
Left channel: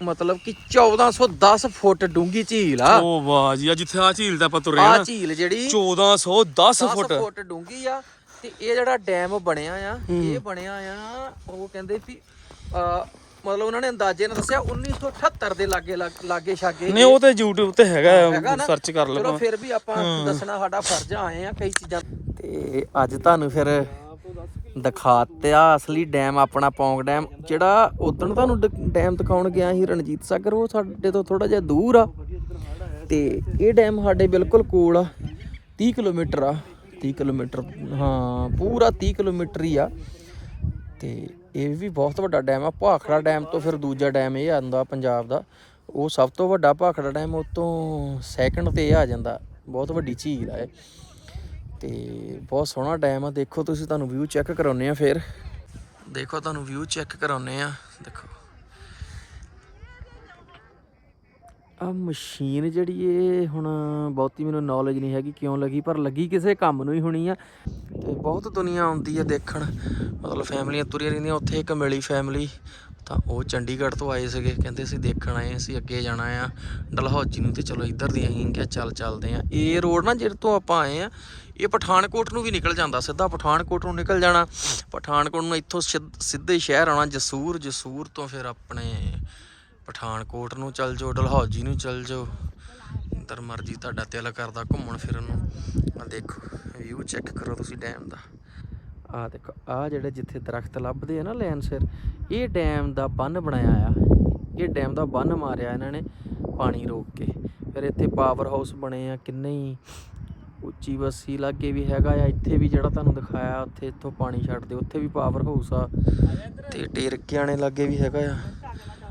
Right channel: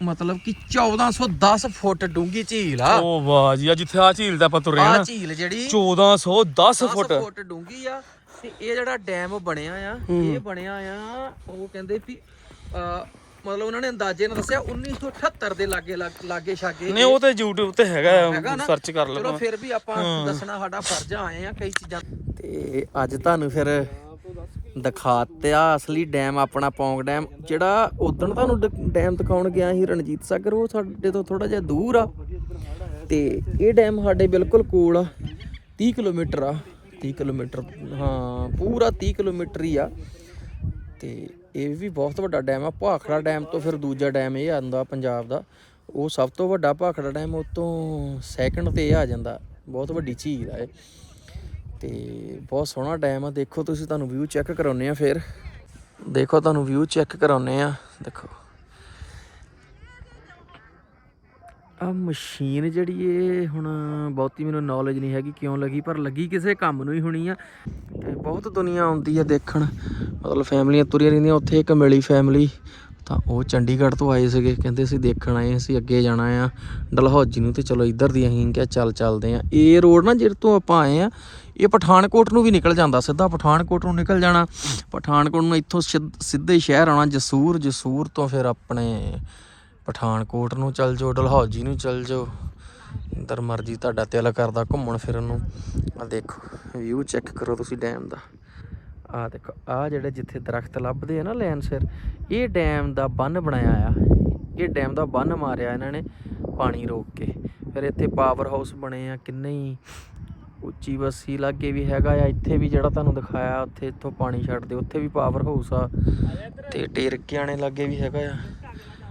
ਮਤਲਬ ਕਿ 1410 ਫੁੱਟ ਡੂੰਗੀ ਝੀਲ ਆ। ਉਹ ਵਾਹ ਜੀ ਆ ਜਿੱਥੇ ਆ ਝੀਲ ਦਾ ਆਪਾਂ ਤੁਰੇ ਆ ਝੀਲ ਜਿਹੜੀ 1410 10 ਫੁੱਟ। ਫੁੱਟ ਡੂੰਗੀ ਆ ਤੇ ਇਹ ਜਿਹੜਾ ਡੈਮ ਬਣਿਆ ਆ ਇਹ ਬਣਿਆ ਆ ਉਹ ਕਹਿੰਦੇ ਕਿ ਮਤਲਬ ਉਹਨਾਂ ਨੇ ਅੰਦਾਜ਼ੇ ਨਾਲ ਦੱਸਿਆ 1978 ਦੇ ਲਾਗੇ ਲਾਗੇ- ਛਾਗੇ ਨਹੀਂ ਉਹ ਤੇ YouTube ਤੇ ਹੈਗਾ ਨਾ? ਸਰਚ ਕਰ ਲਓ ਫਿਰ ਵੀ ਆਪਾਂ ਦੱਸਣਾ ਸਾਡਾ ਫਰਜ਼ ਆਏ ਆ ਕਈ ਚੀਜ਼ਾਂ ਤੇ ਅੱਜ ਤੁਹਾਨੂੰ ਫਿਰ ਦਿਖਾਤਿਆ ਅਸਲੀ ਡੈਮ ਆਪਣਾ ਪੌਂਗ ਡੈਮ ਜਿਹੜਾ ਉਦੋਂ ਤੁਹਾਨੂੰ ਡੈਮ ਦਿਖਾਉਣ ਗਿਆ ਸੀ ਰਣਜੀਤ ਸਾਗਰ ਉਹ ਸਾਡੇ ਤੋਂ ਥੋੜਾ ਜਿਹਾ ਦੂਰ ਆ। ਤੇ ਇਹ ਡੈਮ ਸਾਡੇ ਬਿਲਕੁਲ ਕੋਲ ਆ 30 ਕਿਲੋਮੀਟਰ ਆ। 30 ਕਿਲੋਮੀਟਰ, ਹਾਂ, ਪੂਰਾ 30 ਕਿਲੋਮੀਟਰ ਹੀ ਆ। ਤੇ ਇਹ ਵੀ ਬਹੁਤ ਵੱਡਾ ਡੈਮ ਆ, ਭਾਖੜਾ ਡੈਮ ਤੋਂ ਫਿਰ ਦੂਜਾ ਡੈਮ ਇਹ ਆਉਂਦਾ ਪੰਜਾਬ ਦਾ। ਉਹ ਸਭ ਤੋਂ ਵੱਡਾ ਭਾਖੜਾ ਡੈਮ ਉਹ ਤੋਂ ਸੈਕੰਡ ਤੇ ਇਹ ਆ ਜਾਂਦਾ। ਬਹੁਤ ਵੱਡੀ ਝੀਲ ਆ ਇਹ। ਤੇ ਬਹੁਤ ਸੋਹਣਾ ਡੈਮ ਆ। ਦੇਖੋ ਤੁਸੀਂ, ਤੁਹਾਨੂੰ ਵਿਊ ਚੈੱਕ ਕਰਾਉਨੇ ਆ ਫਿਰ। ਦੇਖੋ, ਤੁਹਾਨੂੰ ਵਿਊ ਚੈੱਕ ਕਰਾਉਨੇ ਆ। ਦੇਖੋ। ਆ ਮਸ਼ੀਨ ਜਿਹੜੀ ਇਹ ਹੁਣ ਬਹੁਤੀ ਮੈਨੂੰ ਨੌਲੇਜ ਨਹੀਂ ਹੈਗੀ ਕਿਉਂ ਲੱਗੀ, ਪਰ ਲੱਗੀ ਕਿਸੇ ਕੰਮ ਨੂੰ ਹੀ ਹੋਣੀ ਆ। ਤੇ ਬਹੁਤ ਦੁਨੀਆ ਆਉਂਦੀ ਆ ਦੇਖਣ। ਮਤਲਬ ਫੈਮਲੀਆਂ ਤੁਰੀਆਂ ਰਹਿੰਦੀਆਂ, ਉੱਥੇ ਇੱਕ ਮਿਲੀ ਫੈਮਲੀ ਤਾਂ ਉਹ ਚੰਡੀਗੜ੍ਹ ਤੋਂ ਆਏ ਸੀਗੇ। ਕਹਿੰਦੇ ਅਸੀਂ ਦੇਖਣ ਆਏ, ਅਸੀਂ ਅੱਗੇ ਜਾਣਾ ਆ। ਡਲਹੌਜੀ ਨੂੰ ਤੇ ਚਲੋ ਇੱਧਰ ਦੀ ਅਸੀਂ ਕਿਹਾ ਚੱਲ ਚੱਲਦੇ ਆ। ਇਹ ਰੋਡ ਨਾ ਜਿਹੜੇ ਤੋਂ ਆਪਾਂ ਆਏ ਆ, ਇਹ ਪਠਾਨਕੋਟ ਨੂੰ ਵੀ ਨਿਕਲ ਜਾਂਦਾ, ਸਿੱਧਾ ਪਠਾਨਕੋਟ ਨੂੰ ਨਿਕਲ ਜਾਣਾ। ਪਠਾਨਕੋਟ ਨੂੰ ਇੱਥੋਂ ਸਿੱਧ- ਸਿੱਧੇ ਸ਼ਹਿਰ ਆਉਣਾ, ਜਸੂਰ ਜਸੂਰ ਤੋਂ ਫਿਰ ਆਪਣੇ ਪਠਾਨਕੋਟ ਨੂੰ ਚੱਲ ਜਾਓ, ਡਲਹੌਜੀ ਨੂੰ ਚੱਲ ਜਾਓ। ਜਿੱਧਰ ਮਰਜ਼ੀ ਤੁਹਾਡਾ ਦਿਲ ਕਰਦਾ ਘੁੰਮਣ ਫਿਰਨ ਨੂੰ। ਆ ਦੇਖੋ ਵਿਊ ਚੈੱਕ ਕਰੋ ਤੁਸੀਂ ਡੈਮ ਦਾ। ਆ ਦੇਖੋ ਆ ਜਿਹੜੇ ਜਿੱਥੇ ਦਰਖਤ ਲੱਭਦੇ ਆ ਨਾ ਲੈਨ ਸਿਰ ਇਹ ਡੈਮ ਦਾ ਬੰਨ ਬਣਾਇਆ ਆ। ਇਹ ਡੈਮ ਦਾ ਬੰਨ ਮਾਰਿਆ ਇਹਨਾਂ ਨੇ ਪਾਣੀ ਰੋਕ ਕੇ। ਫਿਰ ਇੱਥੇ ਪਾਵਰ ਹਾਊਸ ਬਣੇ ਆ, ਕਿੰਨੇ ਹੀ ਉੱਚੀ ਬੱਸੀ ਲਾਗੇ ਵੀ ਹੈਗਾ ਆ। ਇੱਥੇ ਵੀ ਜਿਹੜਾ ਤੁਹਾਨੂੰ ਦਿਖਾਇਆ, ਉੱਥੇ ਇੱਥੋਂ ਪਾਣੀ ਛੱਡਦੇ ਉੱਥੇ ਵੀ ਪਾਵਰ ਹਾਊਸ ਆ। ਤੇ ਟੇਰਕਿਆਣੇ ਲਾਗੇ ਵੀ ਹੈਗਾ ਆ।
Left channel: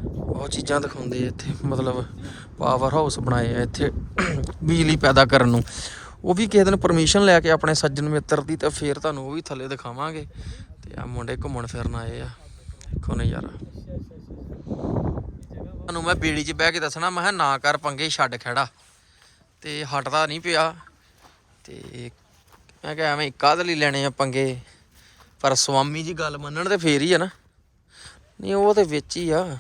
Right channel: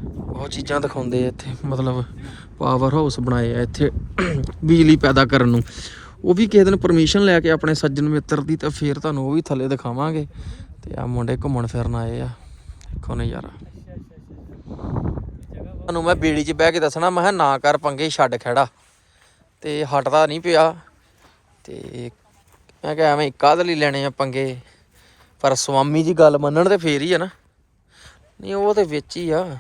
ਉਹ ਚੀਜ਼ਾਂ ਦਿਖਾਉਂਦੇ ਆ ਇੱਥੇ, ਮਤਲਬ ਪਾਵਰ ਹਾਊਸ ਬਣਾਏ ਆ ਇੱਥੇ ਬਿਜਲੀ ਪੈਦਾ ਕਰਨ ਨੂੰ। ਉਹ ਵੀ ਕਿਸੇ ਦਿਨ ਪਰਮਿਸ਼ਨ ਲੈ ਕੇ ਆਪਣੇ ਸੱਜਣ ਮਿੱਤਰ ਦੀ ਤਾਂ ਫੇਰ ਤੁਹਾਨੂੰ ਉਹ ਵੀ ਥੱਲੇ ਦਿਖਾਵਾਂਗੇ। ਤੇ ਆ ਮੁੰਡੇ ਘੁੰਮਣ ਫਿਰਨ ਆਏ ਆ। ਦੇਖੋ ਨਜ਼ਾਰਾ। ਤੁਹਾਨੂੰ ਮੈਂ ਬੇੜੀ 'ਚ ਬਹਿ ਕੇ ਦੱਸਣਾ, ਮੈਂ ਕਿਹਾ ਨਾ ਕਰ ਪੰਗੇ, ਛੱਡ ਖੜਾ ਤੇ ਹਟਦਾ ਨਹੀਂ ਪਿਆ। ਤੇ ਮੈਂ ਕਿਹਾ ਐਵੇਂ ਕਾਹਦੇ ਲਈ ਲੈਣੇ ਆ ਪੰਗੇ? ਪਰ ਸਵਾਮੀ ਜੀ ਗੱਲ ਮੰਨਣ ਤੇ ਫੇਰ ਹੀ ਆ ਨਾ। ਨਹੀਂ, ਉਹ ਤੇ ਵਿੱਚ ਹੀ ਆ।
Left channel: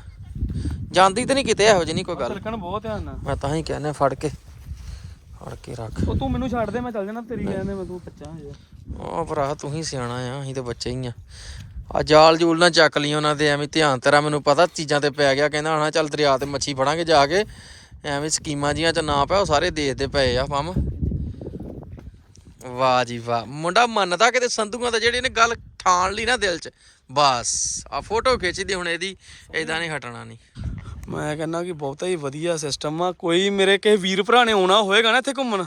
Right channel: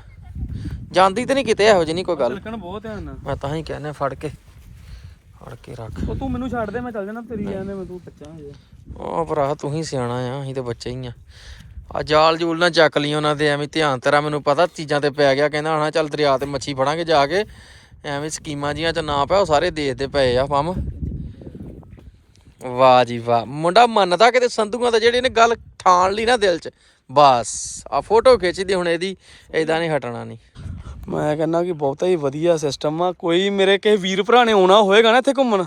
ਜਾਂਦੀ ਤੇ ਨਹੀਂ ਕਿਤੇ ਇਹੋ ਜਿਹੀ ਨਹੀਂ ਕੋਈ ਗੱਲ। ਤਿਲਕਣ ਬਹੁਤ ਧਿਆਨ ਨਾਲ ਮੈਂ ਤਾਂ ਹੀ ਕਹਿੰਦਾ ਫੜ ਕੇ ਫੜ ਕੇ ਰੱਖ। ਉਹ ਤੂੰ ਮੈਨੂੰ ਛੱਡ ਦੇ ਮੈਂ ਚੱਲ ਜਾਣਾ ਤੇਰੀ ਕਹਿੰਦੇ ਮੈਂ ਤੂੰ ਬੱਚਾ ਹੋ ਉਹ ਭਰਾ ਤੂੰ ਹੀ ਸਿਆਣਾ ਆ ਅਸੀਂ ਤੇ ਬੱਚੇ ਹੀ ਆ। ਆ ਜਾਲ ਜੂਲ ਨਾ ਚੱਕ ਲਈ ਉਹਨਾਂ ਦੇ ਐਵੇਂ ਧਿਆਨ ਤੇਰਾ ਮੈਨੂੰ ਪਤਾ ਚੀਜ਼ਾਂ ਤੇ ਪੈ ਗਿਆ ਕਹਿੰਦਾ ਹਣਾ ਚੱਲ ਦਰਿਆ ਤੇ ਮੱਛੀ ਫੜਾਂਗੇ ਜਾ ਕੇ। ਐਵੇਂ ਸਕੀਮਾਂ ਜੀਆਂ ਚ ਨਾ ਪਿਆ ਉਹ ਸਾਰੇ ਦੇਖਦੇ ਪਏ ਆ ਪੰਮ। ਵਾਹ ਜੀ ਵਾਹ। ਮੁੰਡਾ ਮੰਨਦਾ ਕਿਤੇ ਸੰਧੂਆਂ ਦਾ ਜਿਹੜੇ ਨੇ ਗੱਲ ਠਾਣ ਲਈ ਨਾ ਦਿਲ 'ਚ। ਬਸ ਆ ਫੋਟੋ ਖਿੱਚਦੀ ਹੁਣ ਇਹਦੀ ਏਦਾਂ ਨਹੀਂ ਹਟਣਾ ਨਹੀਂ। ਮੈਂ ਕਹਿੰਦਾ ਕਿ ਬਹੁਤਾ ਹੀ ਵਧੀਆ ਸਿਸਟਮ ਆ। ਕੋਈ ਮੇਰੇ ਕਿਸੇ ਵੀਰ ਭਰਾ ਨੇ ਆਉਣਾ ਹੋਏਗਾ ਨਾ ਇੱਥੇ ਘੁੰਮਣ।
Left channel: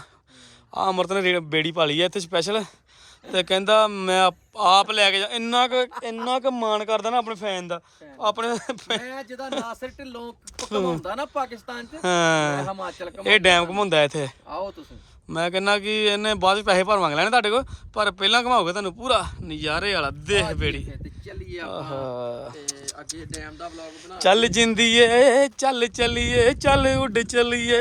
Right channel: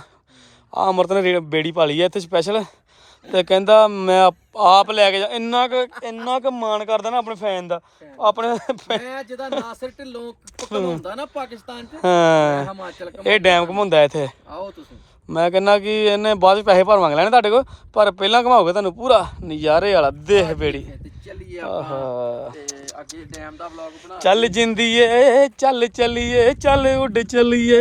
ਆ ਅਮਰਤ ਨੇ ਬੇੜੀ ਪਾਲੀ ਆ ਇੱਥੇ ਸਪੈਸ਼ਲ ਤੇ ਕਹਿੰਦਾ ਮੈਂ ਆਪ- ਲੈ ਕੇ ਜਾ ਇੰਨਾ ਕੁ ਇੰਨਾ ਕੁ ਮਾਣ ਕਰਦਾ ਨਾ ਆਪਣੇ ਫੈਨ ਦਾ। ਆਪਣੇ ਮੈਂ ਜਿਹਦਾ ਨਾਸਰ ਢਿੱਲੋਂ ਘੁਮਾਉਂਦਾ ਨਾ ਪਾਕਿਸਤਾਨ 'ਚ। ਹਾਂ। ਹਿਮਾਚਲ ਇਹ ਡੈਮ ਘੁਮਾਉਂਦਾ ਇੱਥੇ। ਆਓ ਤੁਸੀਂ। ਮੈਂ ਕਹਿੰਦਾ ਕਿ ਇਹਨੇ ਬਾਅਦ ਵਿੱਚ ਪੈਸੇ ਭਰ ਮੰਗ ਲੈਣੇ ਤੁਹਾਡੇ ਕੋਲ ਪਰ ਪਹਿਲਾਂ ਘਮਾਓਗੇ ਤੁਹਾਨੂੰ ਪੂਰਾ ਨਜ਼ਾਰੇ ਵਾਲਾ। ਦੇਖ ਬੇੜੀ। ਤੇ ਚੱਲੀਏ ਆਹਾ। ਤੇ ਅੱਗੇ ਡੈਮ ਦਾ ਵਲੌਗ ਬਣਾ ਚੱਲ ਜਿੰਦੀਏ ਚੱਲ ਚੱਲੀਏ ਚੱਲ ਉੱਡ ਚੱਲੀਏ।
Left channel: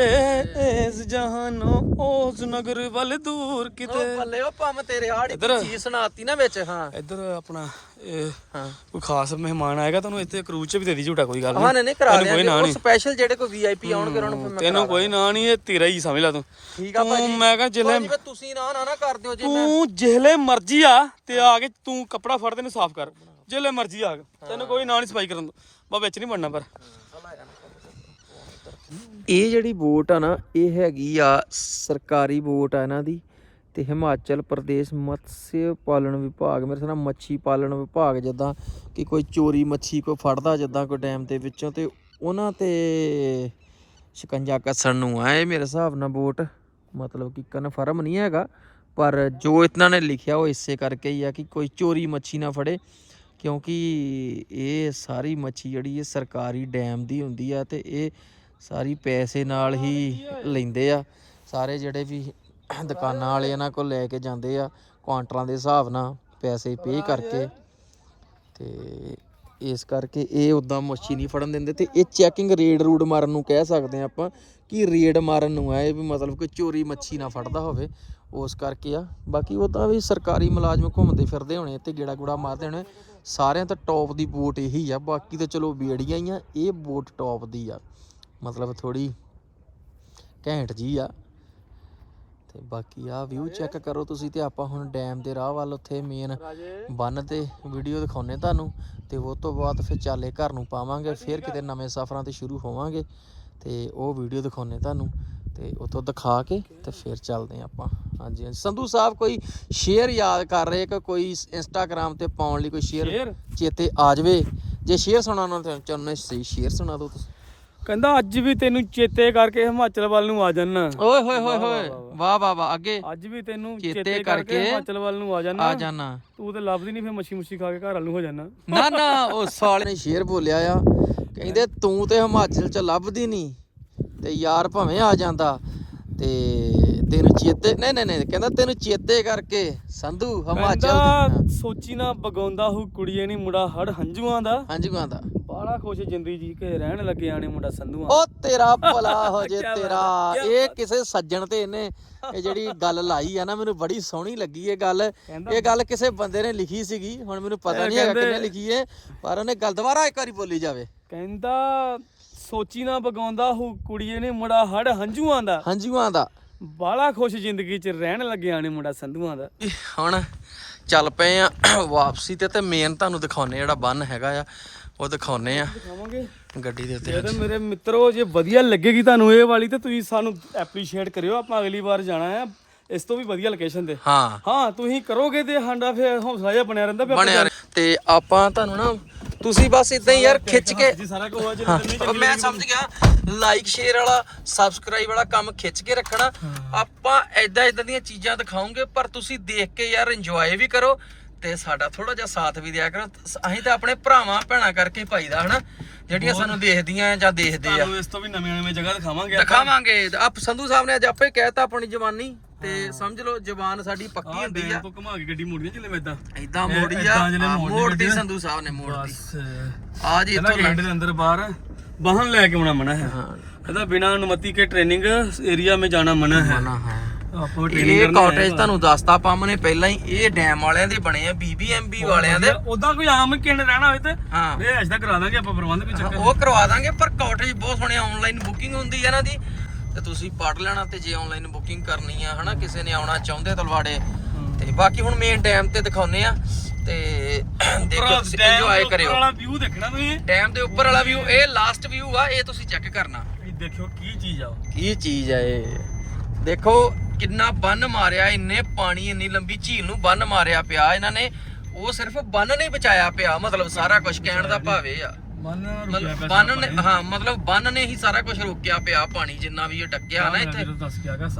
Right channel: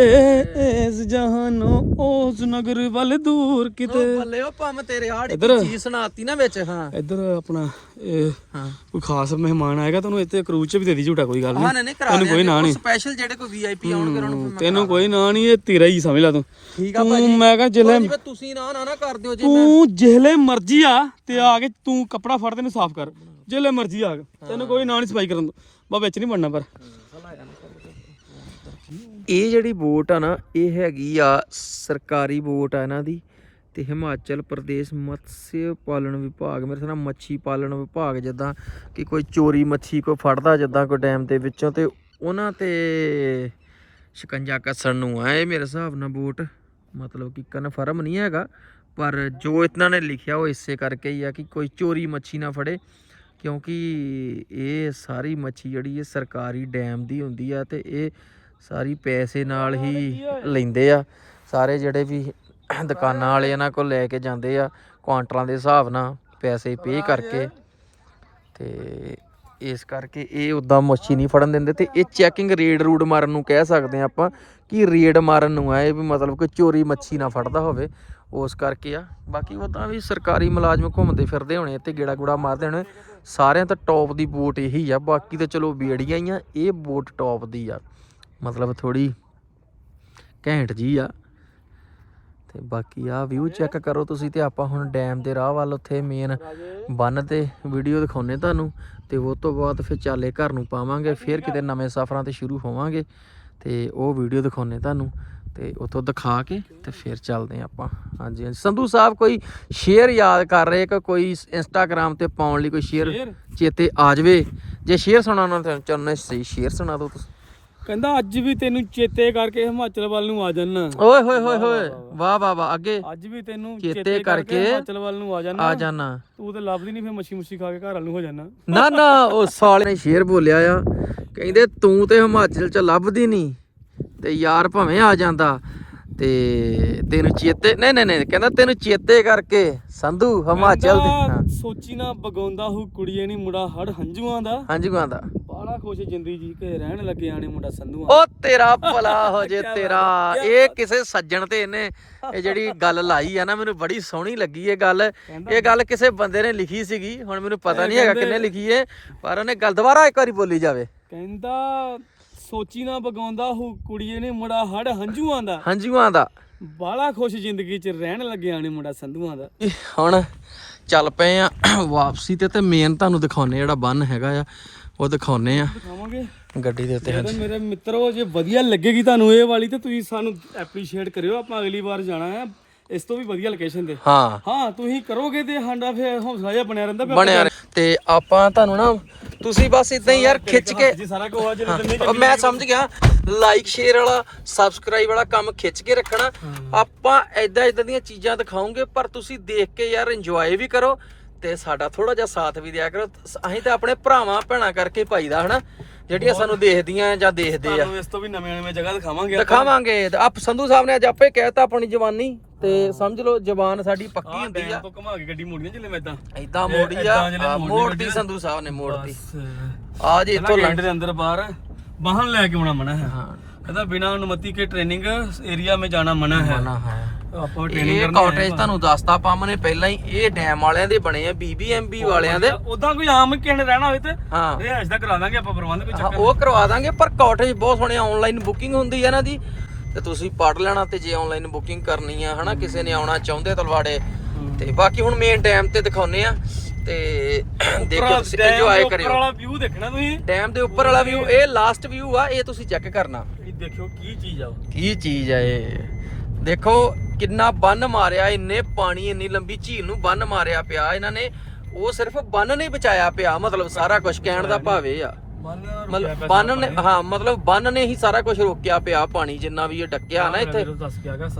ਇਸ ਜਹਾਨੋਂ ਉਸ ਨਗਰ ਵੱਲ ਦੂਰ ਕਿਤੇ। ਬੱਲੇ ਉਹ ਪੰਮ ਤੇਰੇ ਹਾੜ ਇੱਧਰ? ਚੀਜ਼ ਸੁਣਾਤੀ ਨਾ ਵਿੱਚ ਹਾਂ। ਇੱਧਰ ਆਪਣਾ ਕੋਈ ਖਾਸ ਮਹਿਮਾਨ ਆਏਗਾ ਤੁਹਾਨੂੰ ਇੱਥੇ ਕਰੂਜ਼ ਚ ਵੀ ਦੇ ਦੀ ਝੂਟਾ ਕੋਈ ਗੱਲ ਨਹੀਂ। ਤੈਨੂੰ ਕੋਈ ਨਾਂ ਨਹੀਂ। ਸਪੈਸ਼ਲ ਜਿਹੜੇ ਕੋਈ ਵੀਆਈਪੀ ਆਉਣਗੇ ਉਹਨਾਂ ਨੂੰ ਤੈਨੂੰ ਕੋਈ ਨਾਂ ਨਹੀਂ ਇਹ ਤੇਰਾ ਹੀ ਸਮਝ ਲਾ ਤੂੰ। ਤੂੰ ਮੈਂ ਕਹਾਂ ਜਿਲੇ ਤੁਸੀਂ ਨਾ ਨਾ ਨਾ ਕਰ ਦਿਓ ਜੇ ਤੂੰ ਜਿਹਲੇ ਮਰਜ਼ੀ ਆ ਤੇ ਆ ਕੇ ਤੂੰ ਕੱਪੜਾ ਫੜ ਤੈਨੂੰ ਸਾਫ਼ ਕਰ। ਜਿਹਲੇ ਮਰਜ਼ੀ ਆ ਤੈਨੂੰ ਕੋਈ ਨਾਂ ਨਹੀਂ ਸਫ਼ਾਈ ਕਰਨ ਦਾ ਬਾ ਵਿੱਚ ਨਹੀਂ ਬਣਨਾ ਪਰ। ਇਹ ਜਿਹੜੀ ਵੋਟ ਆ ਨਾ, ਇਹ ਹੈਗੀ ਆ ਸਰਕਾਰੀ ਵੋਟ ਆ ਇਹਨਾਂ ਦੀ ਤੇ ਹਿਮਾਚਲ ਪ੍ਰਦੇਸ਼ ਮਤਸਯ ਪਾਲਣ ਵਿਭਾਗ। ਮੇਰੇ ਸਾਰਾ ਮੱਛੀ ਪਾਲਣ ਵਿਭਾਗ ਜਿੱਦਾਂ ਕਿ ਕੋਈ ਚੋਰੀ ਮੱਛੀ ਕੋ ਫੜਦਾ ਜਿੱਦਾਂ ਕੋਈ ਡੈਮ ਦੇ ਵਿੱਚੋਂ ਤੇ ਉਹਨਾਂ ਤੇ ਸ਼ਿਕੰਜਾ ਕੱਸਣ ਨੂੰ ਆ ਇਹ ਮੇਰੇ ਹਿਸਾਬ ਨਾਲ ਵੋਟ। ਮਤਲਬ ਕਿ ਕਨਫਰਮ ਨਹੀਂ ਹੈਗਾ, ਪਰ ਜੋ ਇਤਨਾ ਨੇ ਲਿਖਿਆ ਉਹ ਇਸੇ ਕਰਕੇ ਹੀ ਆ ਕਿ ਕੋਈ ਚੋਰੀ ਮੱਛੀ ਨਾ ਫੜੇ। ਕਿਉਂਕਿ ਇਹ ਸਾਰੀ ਮੱਛੀ ਜਿਹੜੀ ਇਹ ਸਰਕਾਰੀ ਡੈਮ ਦੀ ਹੁੰਦੀ ਆ ਤੇ ਇਹ ਸਾਰੀ ਪੈਸੇ ਨਾਲ ਹੀ ਲੈਂਦੇ ਆ। ਸਾਰੇ ਜਿਹੜੇ ਵੀ ਦੁਕਾਨਾਂ ਵਾਲੇ ਇਹਨਾਂ ਕੋਲ ਲੈ ਕੇ ਜਾਂਦੇ ਆ, ਕੁਆਂਟਲਾਂ ਦੇ ਹਿਸਾਬ ਨਾਲ ਪੈਸੇ ਪੇ ਕਰਕੇ। ਤੇ ਇਸ ਕਰਕੇ ਇਹ ਉਦਾਂ ਮੱਛੀ ਨਹੀਂ ਫੜਨ ਦਿੰਦੇ ਤੇ ਇਹ ਚੈਕਿੰਗ ਰੇਡ ਰੂਡ ਮਾਰਨ ਨੂੰ ਕਹਿ ਸਕਦੇ ਆ ਆਪਾਂ ਕਿ ਰੇਡ ਮਾਰਨ ਨੂੰ ਆ ਇਹ ਵੀ ਮਤਲਬ ਕਿ ਚੋਰੀ ਮੱਛੀ ਨਾ ਫੜਦਾ ਹੋਵੇ। ਉਸ ਕਰਕੇ ਆ, ਬਾਕੀ ਉਹ ਤਾਂ ਵੀ ਸਰਕਾਰੀ ਮੁਲਾਜ਼ਮ ਘੁੰਮਦੇ ਫਿਰਦੇ ਹੋਣੇ ਤੇ ਗੇੜਾ ਗੂੜਾ ਮਾਰਦੇ ਹੋਣੇ। ਸਾਰਿਆਂ ਤੋਂ ਟੌਪ ਦੀ ਬੋਟ ਇਹੀ ਆ, ਬਾਕੀ ਤਾਂ ਚਲੋ ਬੇੜੀਆਂ ਹੀ ਆ, ਇਹ ਬੋਟ ਟੌਪ ਦੀ ਆ। ਮਤਲਬ ਥੋੜੀ ਘੈਂਟ ਜੀ ਆ। ਤੇ ਬਾਕੀ ਆ ਵਿਊ ਚੈੱਕ ਕਰੋ ਤੁਸੀਂ ਤੇ ਆਪਾਂ ਹੁਣ ਡੈਮ ਦੇ ਰਾਹ ਵੱਲ ਉੱਥੇ ਮੇਨ ਬੰਨ ਤੇ ਵੀਡੀਓ ਦਿਖਾਉਨੇ ਤੁਹਾਨੂੰ। ਤੇ ਉਹ ਤੋਂ ਬਾਅਦ ਫਿਰ ਚਾਲੇ ਘਰ ਨੂੰ ਪਾਵਾਂਗੇ, ਫਿਰ ਕਿਤੇ ਨਵੇਂ ਸਫ਼ਰਾਂ ਤੇ ਸ਼ੁਰੂ ਹੋਵਾਂਗੇ। ਤੇ ਉਹ ਵੀਡੀਓ ਦਿਖਾਉਨੇ ਤੁਹਾਨੂੰ। ਤੇ ਉਤੋਂ ਦਿਖਾ ਕੇ ਤੇ ਫਿਰ ਚੱਲਦੇ ਹਾਂ ਆਪਾਂ। ਹਾਂਜੀ ਹਾਂਜੀ। ਸੰਧੂ ਸਾਹਿਬ ਕੋਈ ਸ਼ੇਅਰ ਯਾਦ ਕਰ ਰਹੇ ਕਿ ਕੋਈ ਇੰਸਟਾਗ੍ਰam ਤੇ ਪਾਉਣ ਲਈ ਕੋਈ ਸ਼ੇਅਰ ਚੇਤੇ ਆ ਜਾਵੇ? ਜੇ ਸ਼ੇਅਰ ਸੁਣਾਉਣਾ ਤਾਂ ਚਾਹੁੰਦੇ ਸਹੀ। ਸ਼ੇਅਰ ਸੁਣਾ ਦਿਓ ਤੁਸੀਂ। ਕਹਿੰਦਾ ਅੱਜ ਵੀ ਤੈਨੂੰ ਚੇਤੇ ਕਰਕੇ ਹਿਮਾਚਲ ਵੱਲ ਨੂੰ ਆ ਜਾਣਾ ਓਏ ਹੋਏ ਹੋਏ ਹੋਏ। ਵਾਹ ਵਾਹ। ਵਾਹ ਅੱਗੇ ਅੱਜ ਵੀ ਤੈਨੂੰ ਚੇਤੇ ਕਰਕੇ ਹਿਮਾਚਲ ਵੱਲ ਨੂੰ ਆ ਜਾਣਾ ਆ ਜਾਣਾ ਤੂੰ ਤੇ ਲੱਭਦੀ ਨਹੀਂ ਫੇ ਮੱਛੀ ਮੁੱਛੀ ਖਾ ਕੇ ਘਰ ਵੱਲ ਨੂੰ ਹੋ ਜਾਣਾ ਨਾ ਨਾ ਉਹ ਸਾਲੇ ਨੇ ਸ਼ੇਰ ਬੋਲਿਆ ਆ। ਕਹਿੰਦੇ ਤੂੰ ਤੇ ਹਿਮਾਚਲ ਚ ਲੱਭਦੀ ਨਹੀਂ ਤੇ ਯਾਰ ਭਵੇਂ ਆ ਜਾਂਦਾ ਤੇ ਤੈਨੂੰ ਚੇਤੇ ਨਹੀਂ ਨਹੀਂ ਨਹੀਂ ਕਹਿੰਦਾ ਤੈਨੂੰ ਚੇਤੇ ਕਰਕੇ ਸੰਧੂ ਹਿਮਾਚਲ ਦੇ ਸੋਚੀ ਨਾ ਬਗਾਉਂਦਾ ਹੂ ਕੁੜੀਏ ਨਹੀਂ ਮੁੰਡਾ ਹੜ ਹੰਝੂਆਂ ਦਾ। ਹਾਂਜੀ ਗਾਂਦਾ ਬਾਲਾ ਖੁਸ਼ ਜ਼ਿੰਦਗੀ ਜੀ ਕੇ ਰਹਿਣ ਲੱਗੇ ਆਣੇ ਮੁੰਡਾ ਸੰਧੂਆਂ। ਉਹ ਤੇਰਾ ਭਲਾ ਹੋ ਜੇ ਤੇਰਾ। ਇਹ ਕਿਸੇ ਸੱਜਣ ਤੇ ਇਹਨੇ ਇਹ ਜਿਹੜੀ ਗੱਲ ਲਾਈ ਆ ਨਾ ਮੈਨੂੰ ਬੜੀ ਸੋਹਣੀ ਲੱਗੀ ਇਹ ਗੱਲ। ਇਹ ਗੱਲ ਕਿਸੇ ਬੰਦੇ ਨੇ ਲਿਖੀ ਸੀਗੀ ਹੁਣ ਮੈਨੂੰ ਪਤਾ ਨਹੀਂ ਹੈਗਾ ਕਿੰਨੇ ਲਿਖੀ ਏ ਪਰ ਉਹਨੇ ਗੱਲ ਦੁਬਾਰਾ ਇੱਕ ਵਾਰੀ ਬੋਲੀ ਜਾਵੇ। ਕਹਿੰਦਾ ਸੋਚੀ ਨਾ ਬਗਾਉਂਦਾ ਹੂ ਕੁੜੀਏ ਨੇ ਮੁੰਡਾ ਹੜ ਹੰਝੂਆਂ ਦਾ। ਹਾਂਜੀ ਦਾ। ਬਾਲਾ ਖੁਸ਼ ਜ਼ਿੰਦਗੀ ਚ ਰਹਿਣ ਲੱਗੇ ਆਣੇ ਮੁੰਡਾ ਸੰਧੂਆਂ ਦਾ। ਹੁਣ ਚੱਲ ਪਏ ਆ ਵਾਪਸੀ ਤੇ ਤੇ ਮੇਨ ਤੁਹਾਨੂੰ ਦਿਖਾਉਨੇ ਜਿਹੜਾ ਬੰਨ ਹੈਗਾ ਆ ਉਹ ਦਿਖਾਉਨੇ ਆ। ਗੱਡੀ ਦੇ ਉੱਤੇ ਜੇ ਤਾਂ ਮੇਰੇ ਮਿੱਤਰੋ ਜੇ ਵਧੀਆ ਲੱਗੇਗੀ ਤੁਹਾਨੂੰ ਇਹ ਵਾਲੀ ਤੇ ਤੁਸੀਂ ਸਾਨੂੰ ਐਪਰੀਸ਼ੀਏਟ ਕਰਿਓ ਆਪਾਂ ਅਗਲੀ ਵਾਰ ਜਾਣਾ ਹੈ ਇਸ ਤੋਂ ਵੀ ਵਧੀਆ ਲੋਕੇਸ਼ਨ ਤੇ। ਹਾਂ। ਹਾਂ ਤੁਸੀਂ ਕਰੋਗੇ ਤੇ ਸਾਡਾ ਫਿਰ ਹੌਸਲਾ ਜਿਹਾ ਬਣਿਆ ਰਹਿੰਦਾ ਬਣਿਆ। ਤੇ ਆਪਾਂ ਤੁਹਾਨੂੰ ਨਾ ਤੁਸੀਂ ਬਸ ਇਦਾਂ ਹੀ ਯਾਰ ਖਿੱਚ ਕੇ ਮੈਂ ਸਮਝ ਗਿਆ ਲਾਈਕ ਸ਼ੇਅਰ ਵਾਲਾ ਸਬਸਕ੍ਰਾਈਬ ਵਾਲਾ ਕੰਮ ਖਿੱਚ ਕੇ ਰੱਖਣਾ। ਆਪਾਂ ਐਦਾਂ ਐਦਾਂ ਦੀਆਂ ਚੀਜ਼ਾਂ ਦਿਖਾਉਂਗੇ ਪਰ ਤੁਸੀਂ ਦੇਖ ਕੇ ਯਾਰ ਇੰਜੋਏ ਵੀ ਕਰੋ। ਤੇ ਸਾਡਾ ਥੋੜਾ ਜਿਹਾ ਸਾਥ ਵੀ ਦਿਆ ਕਰੋ। ਅਸੀਂ ਤਾਂ ਆਪਣੇ ਭਰਾਵਾਂ ਭੈਣਾਂ ਕਰਕੇ ਭਾਈ ਦਾ ਹਨਾ? ਜਿਹੜੀਆਂ ਸਾਨੂੰ ਦੇਖਦੀਆਂ ਜਾਂ ਦੇਖਦੇ ਆ। ਇਸ ਤੋਂ ਵੀ ਨਵੀਂ ਨਵੀਂ ਜਗ੍ਹਾ ਦਿਖਾਵਾਂਗੇ। ਦਿਖਾਵਾਂਗੇ। ਆਪ ਸੰਧੂ ਸਾਹਿਬ ਨੇ ਅੱਜ ਆਪੇ ਕਹਿਤਾ ਆਪਣੀ ਜਵਾਨੀ। ਤੇ ਸਮਝ ਲਓ ਜਵਾਨ ਸਾਡੀ ਪੱਕੀ ਹੁੰਦੀ ਆ। ਤੋਂ ਘੁਮਾ ਕੇ ਗੱਡੀ ਮੋੜੀਆਂ ਜਿਵੇਂ ਇਦਾਂ। ਇਦਾਂ ਮੋੜੀ ਆ ਮੋੜਦੀ ਸੰਧੂ ਸਾਹਿਬ ਨੇ ਮੋੜਦੀ ਆ ਜੀ ਇੱਥੋਂ ਲੰਡ ਦੇ ਅੰਦਰ ਬਾਹਰ ਵਾਹਨ ਲੈ ਕੇ ਆਉਣਾ ਮਨਾ ਹੈ। ਹਾਂ। ਇਹਦਾ ਬਿਨਾ ਅਨੁਮਤੀ ਕੇ ਟ੍ਰੇਨਿੰਗ ਏਰੀਆ ਮੇ ਜਾਣਾ ਮਨਾ ਹੈ। ਮਨਾ ਹੈ। ਇਹ ਕਾਟੇਜ ਤੁਹਾਨੂੰ ਦੱਸਤਾ ਪੰਮ ਨੇ ਪਹਿਲਾਂ ਹੀ ਇਹ ਡੈਮ ਵਾਲਿਆਂ ਦੇ ਬਣੇ ਆ ਬੀਬੀਐਮਬੀ ਵਾਲਿਆਂ ਦੇ। ਉਦਾਂ ਕੋਈ ਆਮ ਕਿੰਡ ਰਹਿਣਾ ਹੋਵੇ ਤੇ ਹਾਂ। ਇਹ ਐਸਦਾ ਕਰਾ ਦਾਂਗੇ ਆਪਾਂ ਪ੍ਰਬੰਧ ਕੋਈ ਚੱਕਰ ਉਹ ਕਰਵਾ ਦਾਂਗੇ ਪਰ ਕਾਟੇਜ ਬਹੁਤ ਸੋਹਣੇ ਆਨਲਾਈਨ ਬੁਕਿੰਗ ਹੁੰਦੀ ਹੈ ਇਹਨਾਂ ਦੀ। ਤੇ ਤੁਸੀਂ ਪੜ ਲੈਣਾ ਤੇ ਜੇ ਆਨਲਾਈਨ ਬੁਕਿੰਗ ਕਰਨੀ ਆ ਹਨਾ ਕਿਸੇ ਨੇ ਆਉਣਾ ਚਾਹੁੰਦੇ ਤਲਵਾੜੇ। ਤੇ ਬਾਕੀ ਹੁਣ ਮੇਨ ਡੈਮ ਤੇ ਦਿਖਾਉਨੇ ਆ ਤੇ ਦੇਖੋ ਇੰਜੋਏ ਕਰਿਓ। ਵਾਲਾ ਵਿਊ ਦੇਖਣਾ ਤੁਸੀਂ। ਡੈਮ ਦੇ ਉੱਪਰ ਵਾਲਾ ਵਿਊ ਇਹ ਲਾਸਟ ਵਿਊ ਆ ਇਹ ਤੁਸੀਂ ਚੈੱਕ ਕਰਨਾ। ਇਹ ਦੇਖਿਓ ਕੀ ਚੀਜ਼ ਆ। ਕੀ ਚੀਜ਼ ਆ ਇਹ? ਦੇਖੋ ਕਿੰਨਾ ਬੰਨ ਮਾਰਿਆ ਇੰਨੇ ਪਾਣੀ ਇੰਨੀ ਲੰਬੀ ਝੀਲ ਨੂੰ ਬੰਨ ਮਾਰਿਆ ਪਿਆ। ਇਹਨਾਂ ਨੇ ਉਹ ਸਿਰਫ ਬੰਨ ਨਹੀਂ ਬਚਾਇਆ ਪਿਆ ਮਤਲਬ ਸਾਰਾ ਕੁਝ ਕਹਿਣ ਦਾ ਭਾਵ ਇਹ ਆ ਮਤਲਬ ਬੰਨ ਨੇ ਹਾਂ ਮਤਲਬ ਬੰਨ ਨੇ ਹੀ ਸਾਰਾ ਕੁਝ ਰੋਕਿਆ ਪਿਆ ਪਾਣੀ ਜਿੰਨਾ ਵੀ ਇਹ ਡੱਕਿਆ ਨਾ ਇੱਥੇ।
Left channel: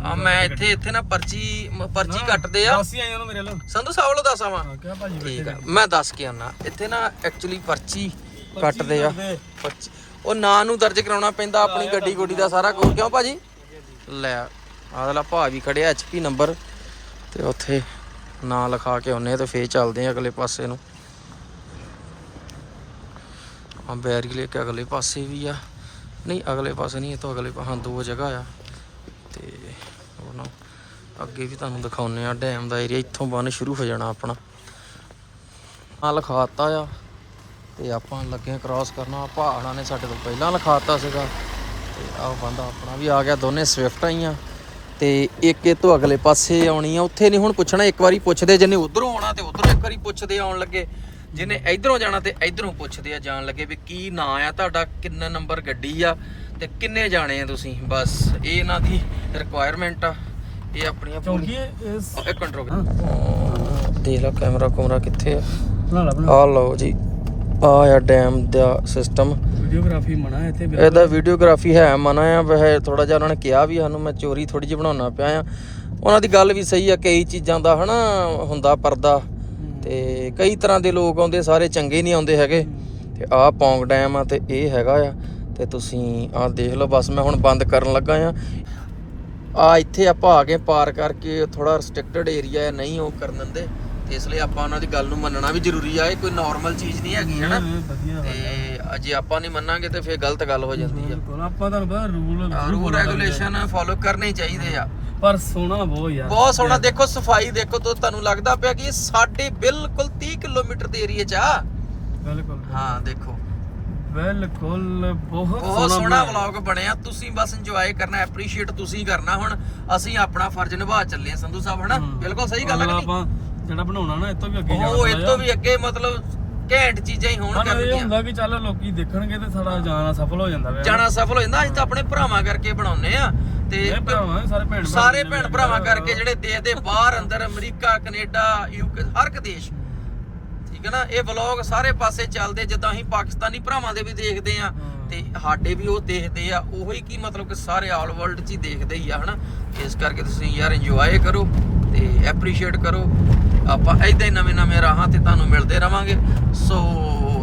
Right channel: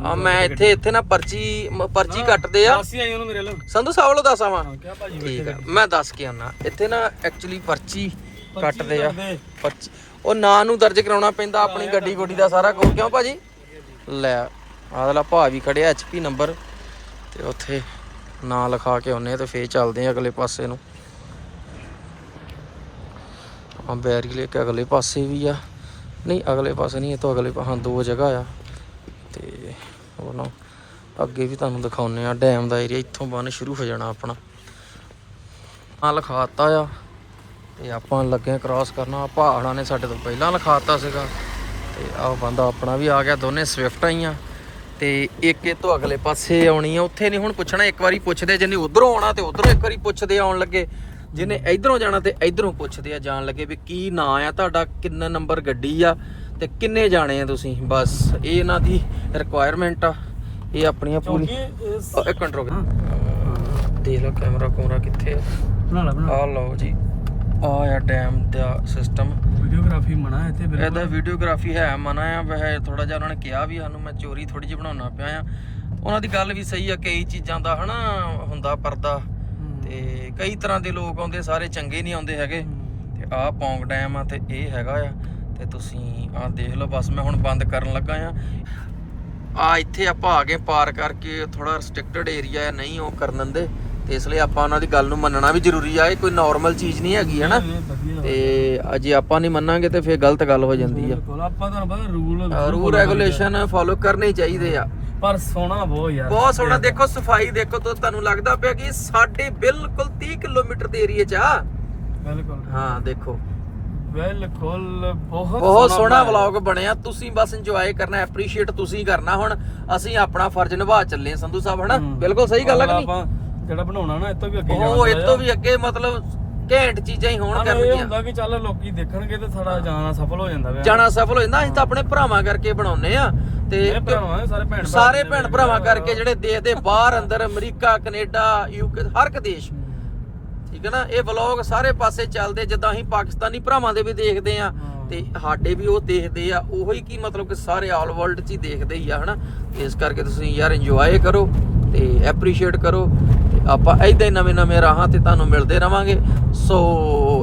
ਆ ਮੈਂ ਇੱਥੇ ਇੱਥੇ ਨਾ ਪਰਚੀ ਪਰਚੀ ਕੱਟਦੇ ਆ। ਸੰਧੂ ਸਾਹਿਬ ਵੱਲੋਂ ਦੱਸਾਂ ਵਾਂ ਹਾਂ ਕਿਆ ਭਾਜੀ ਠੀਕ ਆ। ਮੈਂ ਦੱਸ ਕੇ ਆਨਾ ਇੱਥੇ ਨਾ ਐਕਚੁਅਲੀ ਪਰਚੀ ਕੱਟਦੇ ਆ। ਪਰਚੀ ਉਹ ਨਾਂ ਨੂੰ ਦਰਜ ਕਰਾਉਣਾ ਪੈਂਦਾ ਆਪਣੀ ਗੱਡੀ ਗੁੱਡੀ ਦਾ ਸਾਰਾ ਕੁਝ ਕਿਉਂ ਭਾਜੀ? ਲੈ। ਆਦਲਾ ਭਾ ਵੀ ਖੜਿਆ ਐਚਪੀ ਨੰਬਰ ਤੇ ਉੱਥੇ ਨਾਂ ਲਿਖਾ ਕੇ ਆਉਨੇ ਤੇ ਫੇਰ ਚੱਲਦੇ ਆ ਅਗਲੇ ਪਾਸੇ ਨੂੰ। ਆ ਬੈਰੀ ਲੈ ਅਗਲੇ ਪਾਸੇ ਵੀ ਆ। ਨਹੀਂ, ਅਗਲੇ ਪਾਸੇ ਨਹੀਂ, ਇਹ ਤੋਂ ਅਗਲੇ ਪਾ- ਦੋ ਜਗ੍ਹਾ ਆ। ਤੇ ਉਹ ਨਾ, ਅੱਗੇ ਵੀ ਤੁਹਾਨੂੰ ਦਿਖਾਉਨੇ ਆ, ਡੈਮ ਦਾ ਏਰੀਆ ਇੱਥੋਂ ਬੰਨ ਸ਼ੁਰੂ ਹੋ ਜਾਣਾ ਆਪਣਾ। ਆ ਲਿਖਾਤਾ ਆ, ਤੇ ਆਪਾਂ ਲੱਗੇ ਕ੍ਰਾਸ ਕਰਨਾ। ਪਹਾੜਾਂ ਨੇ ਸਾਡੇ ਤੋਂ ਪਹਿਲਾਂ ਲਿਖਾਤਾ ਸੀਗਾ। ਤੇ ਆਹ ਬੰਦਾ ਆਪਣਾ ਵੀ ਆ ਗਿਆ, ਦੋਨੇ ਸਵਿਫਟ ਆਈਆਂ। ਤੇ ਇੱਕ ਇਹ ਤੋਂ ਅਗਲੇ ਪਾਸੇ ਆਉਣੀ ਆ। ਉੱਥੇ ਨਹੀਂ ਹੁਣ ਪੁੱਛਣਾ ਇੱਕ ਵਾਰੀ ਪੁੱਛਦੇ ਜਿਹਨੇ ਉਧਰੋਂ ਆਉਣਾ ਤੇ ਉਧਰੋਂ ਇੱਕ ਵਾਰੀ ਪੁੱਛਦੇ ਆਉਣ ਲੱਗੇ। ਜਿਹਨੇ ਇਧਰੋਂ ਜਾਣਾ ਤੇ ਇਧਰੋਂ ਪੁੱਛਦੇ ਆ ਜਾਣ ਲੱਗੇ ਵੀ ਕੀ ਨਾਂ ਆ ਤੁਹਾਡਾ ਕਿੰਨਾ ਨੰਬਰ ਗੱਡੀ ਆ ਤੇ ਕਿੰਨੇ ਜਾਣੇ ਆ ਤੁਸੀਂ? ਬਸ ਇਹ ਇਹਨਾਂ ਦੀ ਰਿਕੁਆਇਰਮੈਂਟ ਆ। ਇਹ ਆਪਣੀਆਂ ਪੂਰੀ ਇੱਕ ਕੰਟਰੋਲ ਦੇ ਲਾ ਕੈਮਰਾ ਕੁਮਰਾ ਕਿੱਥੇ ਆ? ਆ ਲਓ ਜੀ ਆ ਆ ਡੈਮ ਦਾ ਸਿਸਟਮ ਵੀਡੀਓਗ੍ਰਾਫੀ ਮਨਾ ਹੈ ਇੱਥੇ ਬਿਲਕੁਲ। ਇਹਦਾ ਵੀਡੀਓਗ੍ਰਾਫੀ ਹੈ ਮਨਾ ਆ ਵੈਸੇ ਥੋੜਾ ਜਿਹਾ ਉਹਨਾਂ ਨੇ ਕਿਹਾ ਵੀ ਸਾਨੂੰ ਮੈਂ ਚੋਰੀ ਥੋੜੀ ਜਿਹੀ ਬਣਾਉਣਾ ਪਿਆ ਆ। ਉਹਨਾਂ ਦੀ ਗੱਲ ਵੀ ਸਹੀ ਆ ਕਈ ਚੀਜ਼ਾਂ ਦਾ ਹਨਾ ਹੁੰਦਾ ਪਰਦਾ। ਤੇ ਕਈ ਤਰ੍ਹਾਂ ਦੇ ਲੋਕ ਆਉਂਦੇ ਸਾਰੇ ਚੰਗੇ ਨਹੀਂ ਆਉਂਦੇ ਹੈਗੇ। ਤੇ ਆਹ ਪੌਂਗ ਡੈਮ ਆ ਤੇ ਇਹ ਹੈਗਾ ਆ। ਤੇ ਤੁਸੀਂ ਆਹ ਦੇਖ ਲਓ ਬਸ ਮੈਂ ਹੁਣ ਬੰਦ ਕਰਨ ਲੱਗਾ ਆ। ਆ ਇੱਥੇ ਆਪਾਂ ਆ ਗਏ ਪਾਰ ਕਰਕੇ ਥੋੜਾ ਰੈਸਟ੍ਰਿਕਟਡ ਏਰੀਆ ਹੈ ਨਹੀਂ ਉਹ ਕਰਨ ਦਿੰਦੇ। ਇਸ ਲਈ ਆਪਾਂ ਉਹਨਾਂ ਦੀ ਗੱਲ ਨੂੰ ਮੰਨਣਾ ਵੀ ਜ਼ਰੂਰੀ ਆ ਇਹ ਕੋਈ ਨਾਰਮਲ ਚੀਜ਼ ਨਹੀਂ ਹੈਗੀ ਹਨਾ? ਤੇ ਅਜੇ ਆਪਾਂ ਨਹੀਂ ਮੰਨਾਂਗੇ ਤੇ ਫੇਰ ਗਲਤ ਗੱਲ ਹੋ ਜਾਂਦੀ ਆ। ਬਿਲਕੁਲ ਆਪਾਂ ਤੁਹਾਨੂੰ ਪਤਾ ਰੂਲ ਰੂਲ ਰੈਗੂਲੇਸ਼ਨ ਫੋਲੋ ਕਰਨੇ ਚਾਹੀਦੇ ਆ। ਪਰ ਸੋਹਣਾ ਬਹੁਤ ਯਾਰ। ਬਹੁਤ ਸੋਹਣਾ ਦੇਖੋ ਸਫ਼ਾਈ ਦੇਖੋ ਤਾਂ ਤੁਹਾਨੂੰ ਲੱਗਦਾ ਪਿਆ ਕਿ ਸਾਡੇ ਬਿਲਕੁਲ 30 ਕਿਲੋਮੀਟਰ ਦੇ ਏਰੀਆ 'ਚ ਆ। ਬਿਲਕੁਲ। ਹਾਂ ਦੇਖੋ। ਬਿਲਕੁਲ ਬਹੁਤ ਬਹੁਤ ਸੋਹਣਾ ਵਲੌਗ ਬਣਿਆ। ਤੁਸੀਂ ਬਸ ਇੰਜੋਏ ਕਰਨਾ ਐਪਰੀਸ਼ੀਏਟ ਤੁਸੀਂ ਕਰਨਾ ਹੁਣ। ਅਸੀਂ ਆਪਣਾ ਫਰਜ਼ ਨਿਭਾ ਚੱਲੇ ਸੰਧੂ ਸਾਹਿਬ ਹਨਾ। ਬਿਲਕੁਲ ਸਹੀ ਗੱਲ ਹੈ ਕਿ ਨਹੀਂ? ਜਿਹੜਾ ਬਣਾਉਣਾ ਨਾ ਇਹ ਤੋਂ ਵੀ ਅੱਗੇ ਉਹ ਇਹ ਤੋਂ ਵੀ ਅੱਗੇ ਮਤਲਬ ਘੈਂਟ ਚੀਜ਼ਾਂ ਹੀ ਹੋਣ ਕਰਨਗੀਆਂ। ਹੁੰਦਾ ਕਿ ਚੱਲ ਲੋਕੀ ਦੇਖਣਗੇ ਤੇ ਸਾਡਾ ਜਾਣਾ ਸਫਲ ਹੋ ਜਾਂਦਾ ਵੇ ਜਾਣਾ ਸਫਲ ਹੋ ਜਾਂਦਾ ਅਸੀਂ ਤਾਂ ਆਪਣੇ ਭਰਾਵਾਂ ਕਰਕੇ ਬਣਾਉਨੇ ਆ ਤੇ ਸਾਰੇ ਭੈਣ ਭਰਾਵਾਂ ਕਰਕੇ ਜਿਹੜੇ ਦੇਸ਼ ਦੇ ਬਾਹਰ ਅੰਦਰ ਅਮਰੀਕਾ ਕੈਨੇਡਾ ਯੂਕੇ ਹਰ ਇੱਕ ਦੇਸ਼। ਠੀਕ ਹੈ ਨਾ? ਇਹ ਵਲੌਗ ਸਾਰੇ ਪਾਸੇ ਚੱਲਦੇ ਜਿੱਦਾਂ ਅਸੀਂ ਪਾਕਿਸਤਾਨੀ ਭਰਾਵਾਂ ਦੇ ਵੀ ਦੇਖਦੇ ਆ ਤੇ ਸਾਡੇ ਵੀ ਉਹ ਦੇਖਦੇ ਆ। ਉਹੀ ਕੀ ਮਤਲਬ ਕਿ ਸਾਰੇ ਆਲ ਵਰਲਡ 'ਚ ਹੀ ਦੇਖਦੇ ਹੀ ਆ ਹਨਾ? ਇਸ ਕਰਕੇ ਤੁਸੀਂ ਯਾਰ ਇੰਜੋਏ ਕਰੋ। ਤੇ ਐਪਰੀਸ਼ੀਏਟ ਕਰੋ। ਆਪਾਂ ਐਦਾਂ ਹੀ ਨਵੇਂ ਨਵੇਂ ਰਾਹਾਂ ਤੇ ਤੁਹਾਨੂੰ ਮਿਲਦੇ ਰਵਾਂਗੇ। ਸੋ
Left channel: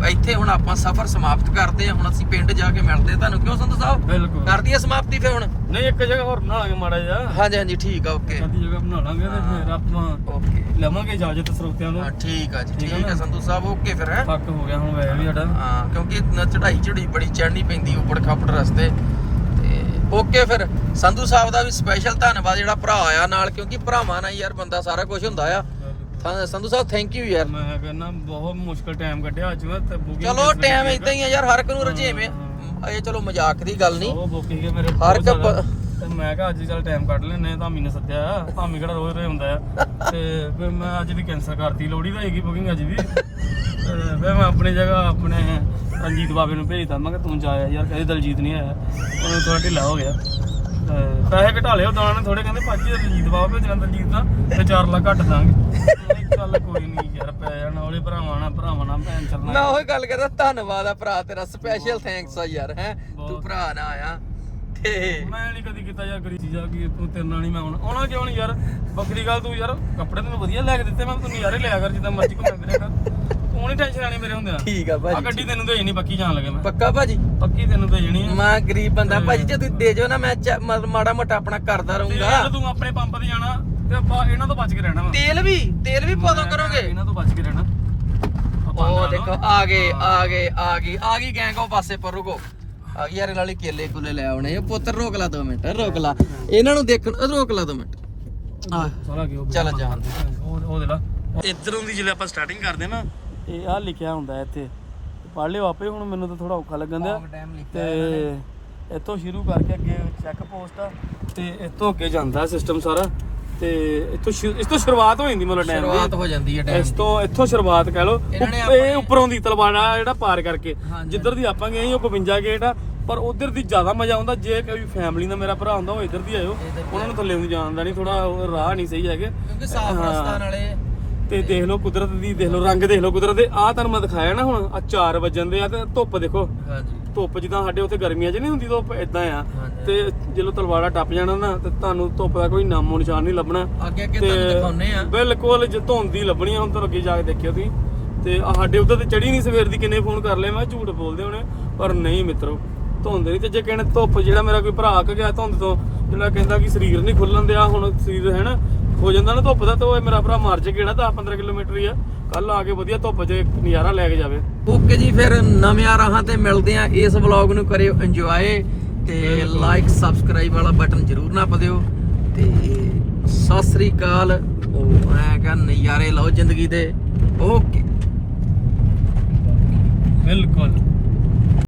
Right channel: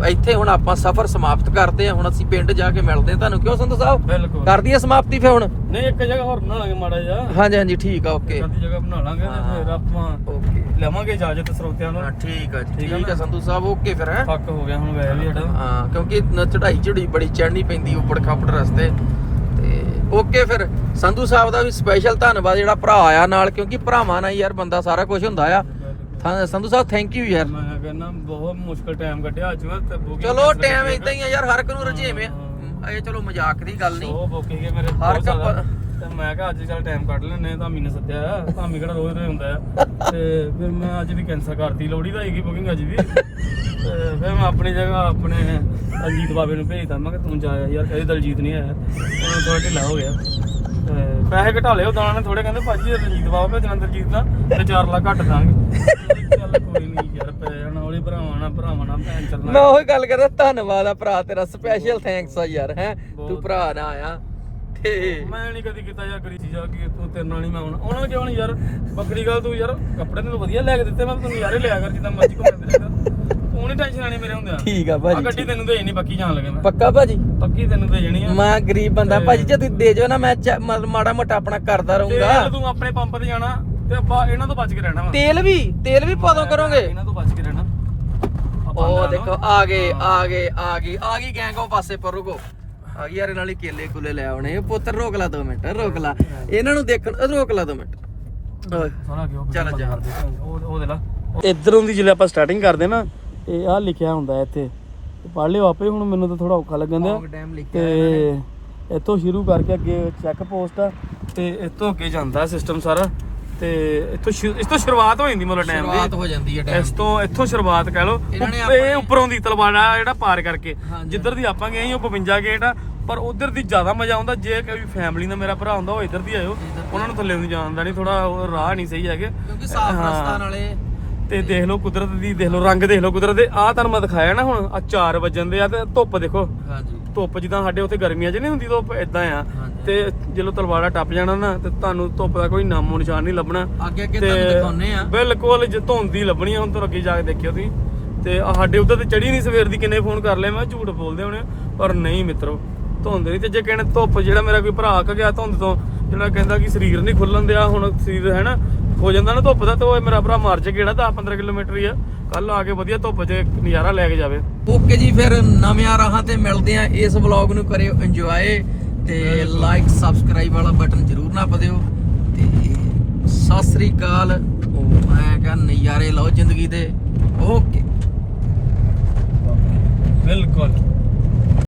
ਇੱਥੇ ਹੁਣ ਆਪਾਂ ਸਫ਼ਰ ਸਮਾਪਤ ਕਰਦੇ ਆ ਹੁਣ ਅਸੀਂ ਪਿੰਡ ਜਾ ਕੇ ਮਿਲਦੇ ਆ ਤੁਹਾਨੂੰ। ਕਿਉਂ ਸੰਧੂ ਸਾਹਿਬ? ਬਿਲਕੁਲ। ਕਰ ਦਈਏ ਸਮਾਪਤੀ ਫੇ ਹੁਣ? ਨਹੀਂ ਇੱਕ ਜਗ੍ਹਾ ਹੋਰ ਬਣਾ ਲਾਂਗੇ ਮਾੜਾ ਜਿਹਾ। ਹਾਂਜੀ ਹਾਂਜੀ ਠੀਕ ਆ ਓਕੇ ਅੱਧੀ ਜਗ੍ਹਾ ਬਣਾ ਲਾਂਗੇ ਤੇ ਫਿਰ ਆਪਾਂ ਓਕੇ ਲਵਾਂਗੇ ਇਜਾਜ਼ਤ ਸਰੋਤਿਆਂ ਨੂੰ। ਹਾਂ ਠੀਕ ਆ ਜੀ ਠੀਕ ਆ? ਸੰਧੂ ਸਾਹਿਬ ਓਕੇ ਫਿਰ ਹੈ? ਫੱਕ ਹੋ ਗਿਆ ਹੁਣ ਵੈਸੇ ਵੀ ਸਾਡਾ। ਹਾਂ ਕਿਉਂਕਿ ਚੜਾਈ ਚੜੀ ਬੜੀ ਚੜਨੀ ਪੈਂਦੀ ਉੱਪੜ ਖਾਪੜ ਰਸਤੇ। ਓਕੇ ਫਿਰ। ਸੰਧੂ ਸਾਹਿਬ ਦਾ ਵੀ ਸਪੈਸ਼ਲ ਧੰਨਵਾਦ ਜਿਹੜਾ ਭਰਾ ਆਇਆ ਨਾਲ ਕਿਉਂਕਿ ਭਰਾਵਾਂ ਨਾਲ ਯਾਰ ਬੰਦਾ ਸਾਰਾ ਕੁਝ ਹੁੰਦਾ ਆ। ਹਾਂ ਸੰਧੂ ਸਾਹਿਬ ਥੈਂਕ ਯੂ ਯਾਰ। ਮੈਂ ਕਹਿੰਦਾ ਬਹੁਤ ਮੁਸ਼ਕਲ ਟਾਈਮ ਕੱਢਿਆ ਅੱਜ ਮੈਂ ਤੇ ਚਲੋ ਟਾਈਮ। ਇਦਾਂ ਹੀ ਆ ਯਾਰ ਹਰ ਇੱਕ ਨੂੰ ਰਜੇਵੇਂ ਇਹ ਚਲੋ ਮਜ਼ਾਕ ਦੀ ਗੱਲ ਨਹੀਂ। ਉਹ ਬੁਕਿੰਗ ਹੈ ਮੇਰੇ ਹਰ ਇੱਕ ਮੈਂ ਕਿਹਾ ਅੱਜ ਚੱਲ ਟਾਈਮ ਕੱਢ ਲੈਨੇ ਧਾਮੀ ਨੇ ਸੱਦਿਆ ਆ। ਧਾਮੀ ਕਿਹੜਾ ਰੋਜ਼ ਰੋਜ਼ ਹੁੰਦਾ ਆ। ਤੇ ਫਿਰ ਮੈਂ ਅੱਜ ਵੀ ਕੈਂਸਲ ਕਰਤੀ ਲੋੜੀ ਦਾ ਹੈਗੀ ਬੁਕਿੰਗ ਅੱਜ ਵੀ। ਤੇ ਫਿਰ ਮੈਂ ਆਪਣੀ ਜਗ੍ਹਾ ਆਪਣੇ ਅਜੀਤ ਬਾਬੇ ਨੂੰ ਭੇਜਤਾ। ਮੈਂ ਕਿਹਾ ਤੂੰ ਜਾਇਆ ਯਾਰ ਕਦੇ ਦਲਜੀਤ ਨਹੀਂ ਆਇਆ। ਉਹਨੂੰ ਥੋੜਾ ਢਿੱਲਾ ਹੋ ਗਿਆ। ਪੈਸੇ ਘਟਾ ਲਿਓ ਦਾਣਾ ਨੇ ਥੋੜੇ ਕਹਿੰਦੇ ਭਾਜੀ ਰਜੀਤ ਬਾਬਾ ਭੇਜਣਾ ਦਰਜੀਤ ਦਾ ਤੇ 4 ਲੱਖ ਘੱਟ ਦਾਂਗੇ। ਮੈਂ ਚੱਲ ਕੋਈ ਨਹੀਂ ਯਾਰ ਪੈ ਜਾਣਾ ਉਹਲੇ ਭਰਾਵਾਂ ਨਾਲ ਭਰਾਵਾਂ ਨਾਲ ਭੈਣ ਮੈਂ ਚੱਲਣਾ ਉਹੀ ਗੱਲ ਕਰਦਾ ਧੰਨਵਾਦ ਆ ਭਰਾ ਤੇਰਾ ਸਪੈਸ਼ਲ ਥੈਂਕਸ ਆ ਯਾਰ ਹੈ। ਤੂੰ। ਭਰਾ ਨਾ ਆਇਆ। ਤੇ ਮੈਂ ਨਹੀਂ ਕਦੀ ਕੀਤਾ ਯਾਰ ਗਰੀ ਚੀਜ਼ਾਂ ਕਿ ਤੂੰ ਤੇਰੇ ਨਾਲ ਨਹੀਂ ਮੈਂ ਆਉਣਾ। ਆਉਣਾ ਕਿਉਂ ਨਹੀਂ ਯਾਰ? ਬੱਕਰੀ ਗੱਲ ਤੂੰ ਯਾਰ। ਕੱਪੜੇ ਤੈਨੂੰ ਵਧੀਆ ਲੈ ਕੇ ਦਿੱਤੇ ਮੈਂ ਤੈਨੂੰ ਨਜ਼ਾਰੇ ਲਿਆ ਕਰ ਜਿੱਦਾਂ ਮਰਜ਼ੀ ਘੁੰਮੇ ਫਿਰਿਆ ਕਰ। ਤੂੰ ਨਹੀਂ ਟੈਨਸ਼ਨ ਆਣੀ ਮੇਰੇ ਹੁੰਦਿਆਂ। ਠੀਕ ਆ ਆ ਭਾਜੀ ਗੱਡੀ ਤੈਨੂੰ ਦੇ ਪੱਕੀ ਜਾਣ ਲੱਗੇ ਮੈਂ। ਪੱਕਾ ਭਾਜੀ। ਪੱਕੀ ਤੈਨੂੰ ਦੇ ਜਣੀ ਆ। ਮੈਂ ਗਰੀਬ ਬੰਦਾ। ਭਾਜੀ ਜੇ ਤੁਸੀਂ ਦੇ ਜਾਓ ਨਾ ਮੈਂ ਚ- ਮਾੜਾ ਮੋਟਾ ਆਪਣਾ ਕਰਦਾ ਤੇਲ ਰਹੂੰਗਾ। ਤੂੰ ਆਪਣੇ ਪੰਪ ਤੇ ਜਾਣਾ ਤੇ ਆਪਾਂ ਇਹਨਾਂ ਤੋਂ ਬਚ ਕੇ ਰਹਿਣਾ ਵਾ। ਤੇਲ ਵੀ ਤੇਲ ਵੀ ਪਾਦੋਂ ਕਰੋਗੇ। ਇਹਨਾਂ ਤੋਂ ਬਚ ਕੇ ਰਹਿਣਾ। ਆਪਾਂ ਉਹ ਦੇਖੋ ਆ ਗਏ ਆ ਗਏ ਆ ਗਈ ਆ ਗਈ ਗੈਂਗ ਉਹ ਪਾਸੇ ਪਰ ਰੁਕੋ। ਆ ਗਈ ਯਾਰ ਨਾਲੇ ਕੇਲੇ ਕੁਲੇ ਲੈ ਆਉਣੇ। ਪੁੱਤਰ ਰੋਕ ਲਾ ਦੋ ਮਿੰਟ ਰੋਕ ਲਾ। ਇਹਨਾਂ ਨੂੰ ਦੇਖਣ ਰੋਕ ਲਾ ਦੋ ਮਿੰਟ। ਆ ਸਾਰਾ ਗਿਆ ਚੱਲ ਜਾ। ਉਹ ਉਹ ਦੇ ਲਾ। ਇਧਰੋਂ ਦੀ ਜਿਹੜੇ ਆਪਾਂ ਸਟਾਰਟਿੰਗ ਕਰਦੇ ਨਾ ਇਹ ਆ ਲਿਖਿਆ ਹੁੰਦਾ ਇੱਥੇ। ਪੜ ਲਿਓ ਆਪੇ ਹੁਣ ਮੈਨੂੰ ਤਾਂ ਥੋੜਾ ਔਖਾ ਲੱਗਣ ਦਿਆ। ਲਿਖਿਆ ਤੇ ਇੱਥੋਂ ਸ਼ੁਰੂ ਕਰਕੇ ਅੱਗੇ ਚੈੱਕ ਪੋਸਟ ਆ ਤੇ ਇੱਥੋਂ ਅੱਗੇ ਜਾਂਦਾ ਸਿਸਟਮ ਸਾਰਾ। ਤੇ ਇੱਥੋਂ ਸ਼ੁ- ਇਸ ਤੋਂ ਸ਼ੁਰੂਆਤ ਹੋ ਜਾਂਦੀ ਮਤਲਬ ਡੈਮ ਸ਼ੁਰੂਆਤ ਦੀ ਹੋ ਜਾਂਦੀ ਹੈ ਇਸ ਡੈਮ ਤੋਂ ਇੱਥੋਂ ਸ਼ੁਰੂਆਤ ਕਹਿ ਲਓ ਇਹਨਾਂ ਨੇ ਉੱਪ- ਇਹ ਉੱਪਰੋਂ ਦੀ ਤਲਵਾੜਾ ਜਿਹੜਾ ਪਾਰ ਕਰਕੇ। ਹਾਂਜੀ। ਜਿੱਧਰ ਦੀ ਆਪਾਂ ਗਏ ਸੀ ਉਹ 52 ਗੇਟ ਆ ਪਰ ਉਧਰ ਦੀ ਜ਼ਿਆਦਾ ਮਜ਼ਾ ਆਉਂਦਾ ਜੇ ਕੋਈ ਫੈਮਿਲੀ ਦਾ ਮੇਰਾ ਭਰਾ ਹੁੰਦਾ ਉਹ ਇੱਧਰ ਦੀ ਆਇਓ ਉਹਨਾਂ ਨੂੰ ਥੱਲੇ ਨੂੰ ਜਾਣਦਾ ਨਹੀਂ ਥੋੜਾ ਰਾਹ ਨਹੀਂ ਸਹੀ ਹੈਗੇ। ਕਿਉਂਕਿ ਸਾਫ਼। ਰਸਤਾ ਨਾਲੇ ਤੇ ਦੇਖ ਲਓ ਕੁਦਰਤ ਦੀ ਦੇਖ ਲਓ ਰੰਗ ਦੇਖ ਲਓ ਕੁਦਰਤ ਦੇ। ਆਹ ਤੁਹਾਨੂੰ ਮੈਂ ਦਿਖਾਇਆ ਨਾ ਹੁਣ ਆ 4 ਵਜਣ ਦੇ ਆ ਤੇ ਧੁੱਪ ਦੇਖੋ। ਹਾਂਜੀ। ਧੁੱਪ ਜਿੱਦਾਂ ਸਾਡੇ ਉੱਥੇ ਗਰਮੀਆਂ 'ਚ ਨਹੀਂ ਹੁੰਦੀ ਧੁੱਪ ਇਦਾਂ ਆ। ਤੇ ਜਦੋਂ ਤਲਵਾੜਾ ਟੱਪ ਜਾਣਾ ਨਾ ਤੇ ਤੁਹਾਨੂੰ ਧੁੱਪ ਦਾ ਕੋਈ ਨਾਮੋ ਨਿਸ਼ਾਨ ਨਹੀਂ ਲੱਭਣਾ। ਅੱਗੇ ਅੱਗੇ ਤੁਹਾਨੂੰ ਦਿਖਾਉਨੇ ਆ। ਬਿਲਕੁਲ ਜੇ ਧੁੰਦ ਲੱਭਣੀ ਆ ਹੁਣ ਤੋਂ ਅੱਗੇ ਜਾ ਕੇ ਦੇਖਿਓ ਤੁਸੀਂ। ਤੇ ਆਹ ਸਾਡੇ ਉੱਧਰ ਤੇ ਚੜੀ ਨਹੀਂ ਸਵੇਰ ਦੀ ਕਿੰਨੇ ਫੋਨ ਕਰ ਲਏ ਮੈਂ ਝੂਠ ਬੋਲਦੇ ਹੋਣੇ। ਪਰ ਨਹੀਂ ਮਿੱਤਰੋ ਧੁੰਦ ਨਹੀਂ ਤੇ ਜੇ ਕਹਿੰਦੇ ਧੁੱਪ ਜਿਹੜਾ ਮੇਰਾ ਕੋਈ ਭਰਾ ਕ ਗਿਆ ਧੁੰਦ ਤੋਂ ਜਿਹੜਾ ਕਹਿੰਦਾ ਕਿ ਸਰੀਰ ਨਹੀਂ ਖੁੱਲਣ ਦਿਆ ਹੁਣ ਸਰੀਰ ਹੈ ਨਾ ਹੋ ਜਾਂਦਾ ਨਾ ਧੁੱਪ ਦਾ ਤੇ ਉਹ ਮੇਰਾ ਭਰਾ ਮਰ ਚ ਕਿਹੜਾ 10 15 ਕਿਲੋਮੀਟਰ ਹੀ ਆ। ਕੱਲ ਆ ਕੇ ਵਧੀਆ ਧੁੱਪ 'ਚ ਨਜ਼ਾਰਾ ਲੈ ਕੇ ਜਾਵੇ। ਓਕੇ ਜੀ ਫਿਰ ਨਵਿਆਂ ਰਾਹਾਂ ਤੇ ਮਿਲਦੇ ਆ ਇਸ ਵਲੌਗ ਨੂੰ ਕਰਿਓ ਇੰਜੋਏ ਤੇ ਲਾਈਕ ਸਬਸਕ੍ਰਾਈਬ ਵਾਲਾ ਬਟਨ ਜ਼ਰੂਰ ਨਾ ਦਿਓ ਤੇ ਸਤਿ ਸ੍ਰੀ ਅਕਾਲ। ਉਹ ਮੈਂ ਕਹਾਂ ਨਜ਼ਾਰੇ ਲਓ ਜ਼ਿੰਦਗੀ ਦੇ। ਓਕੇ। ਬਿਲਕੁਲ।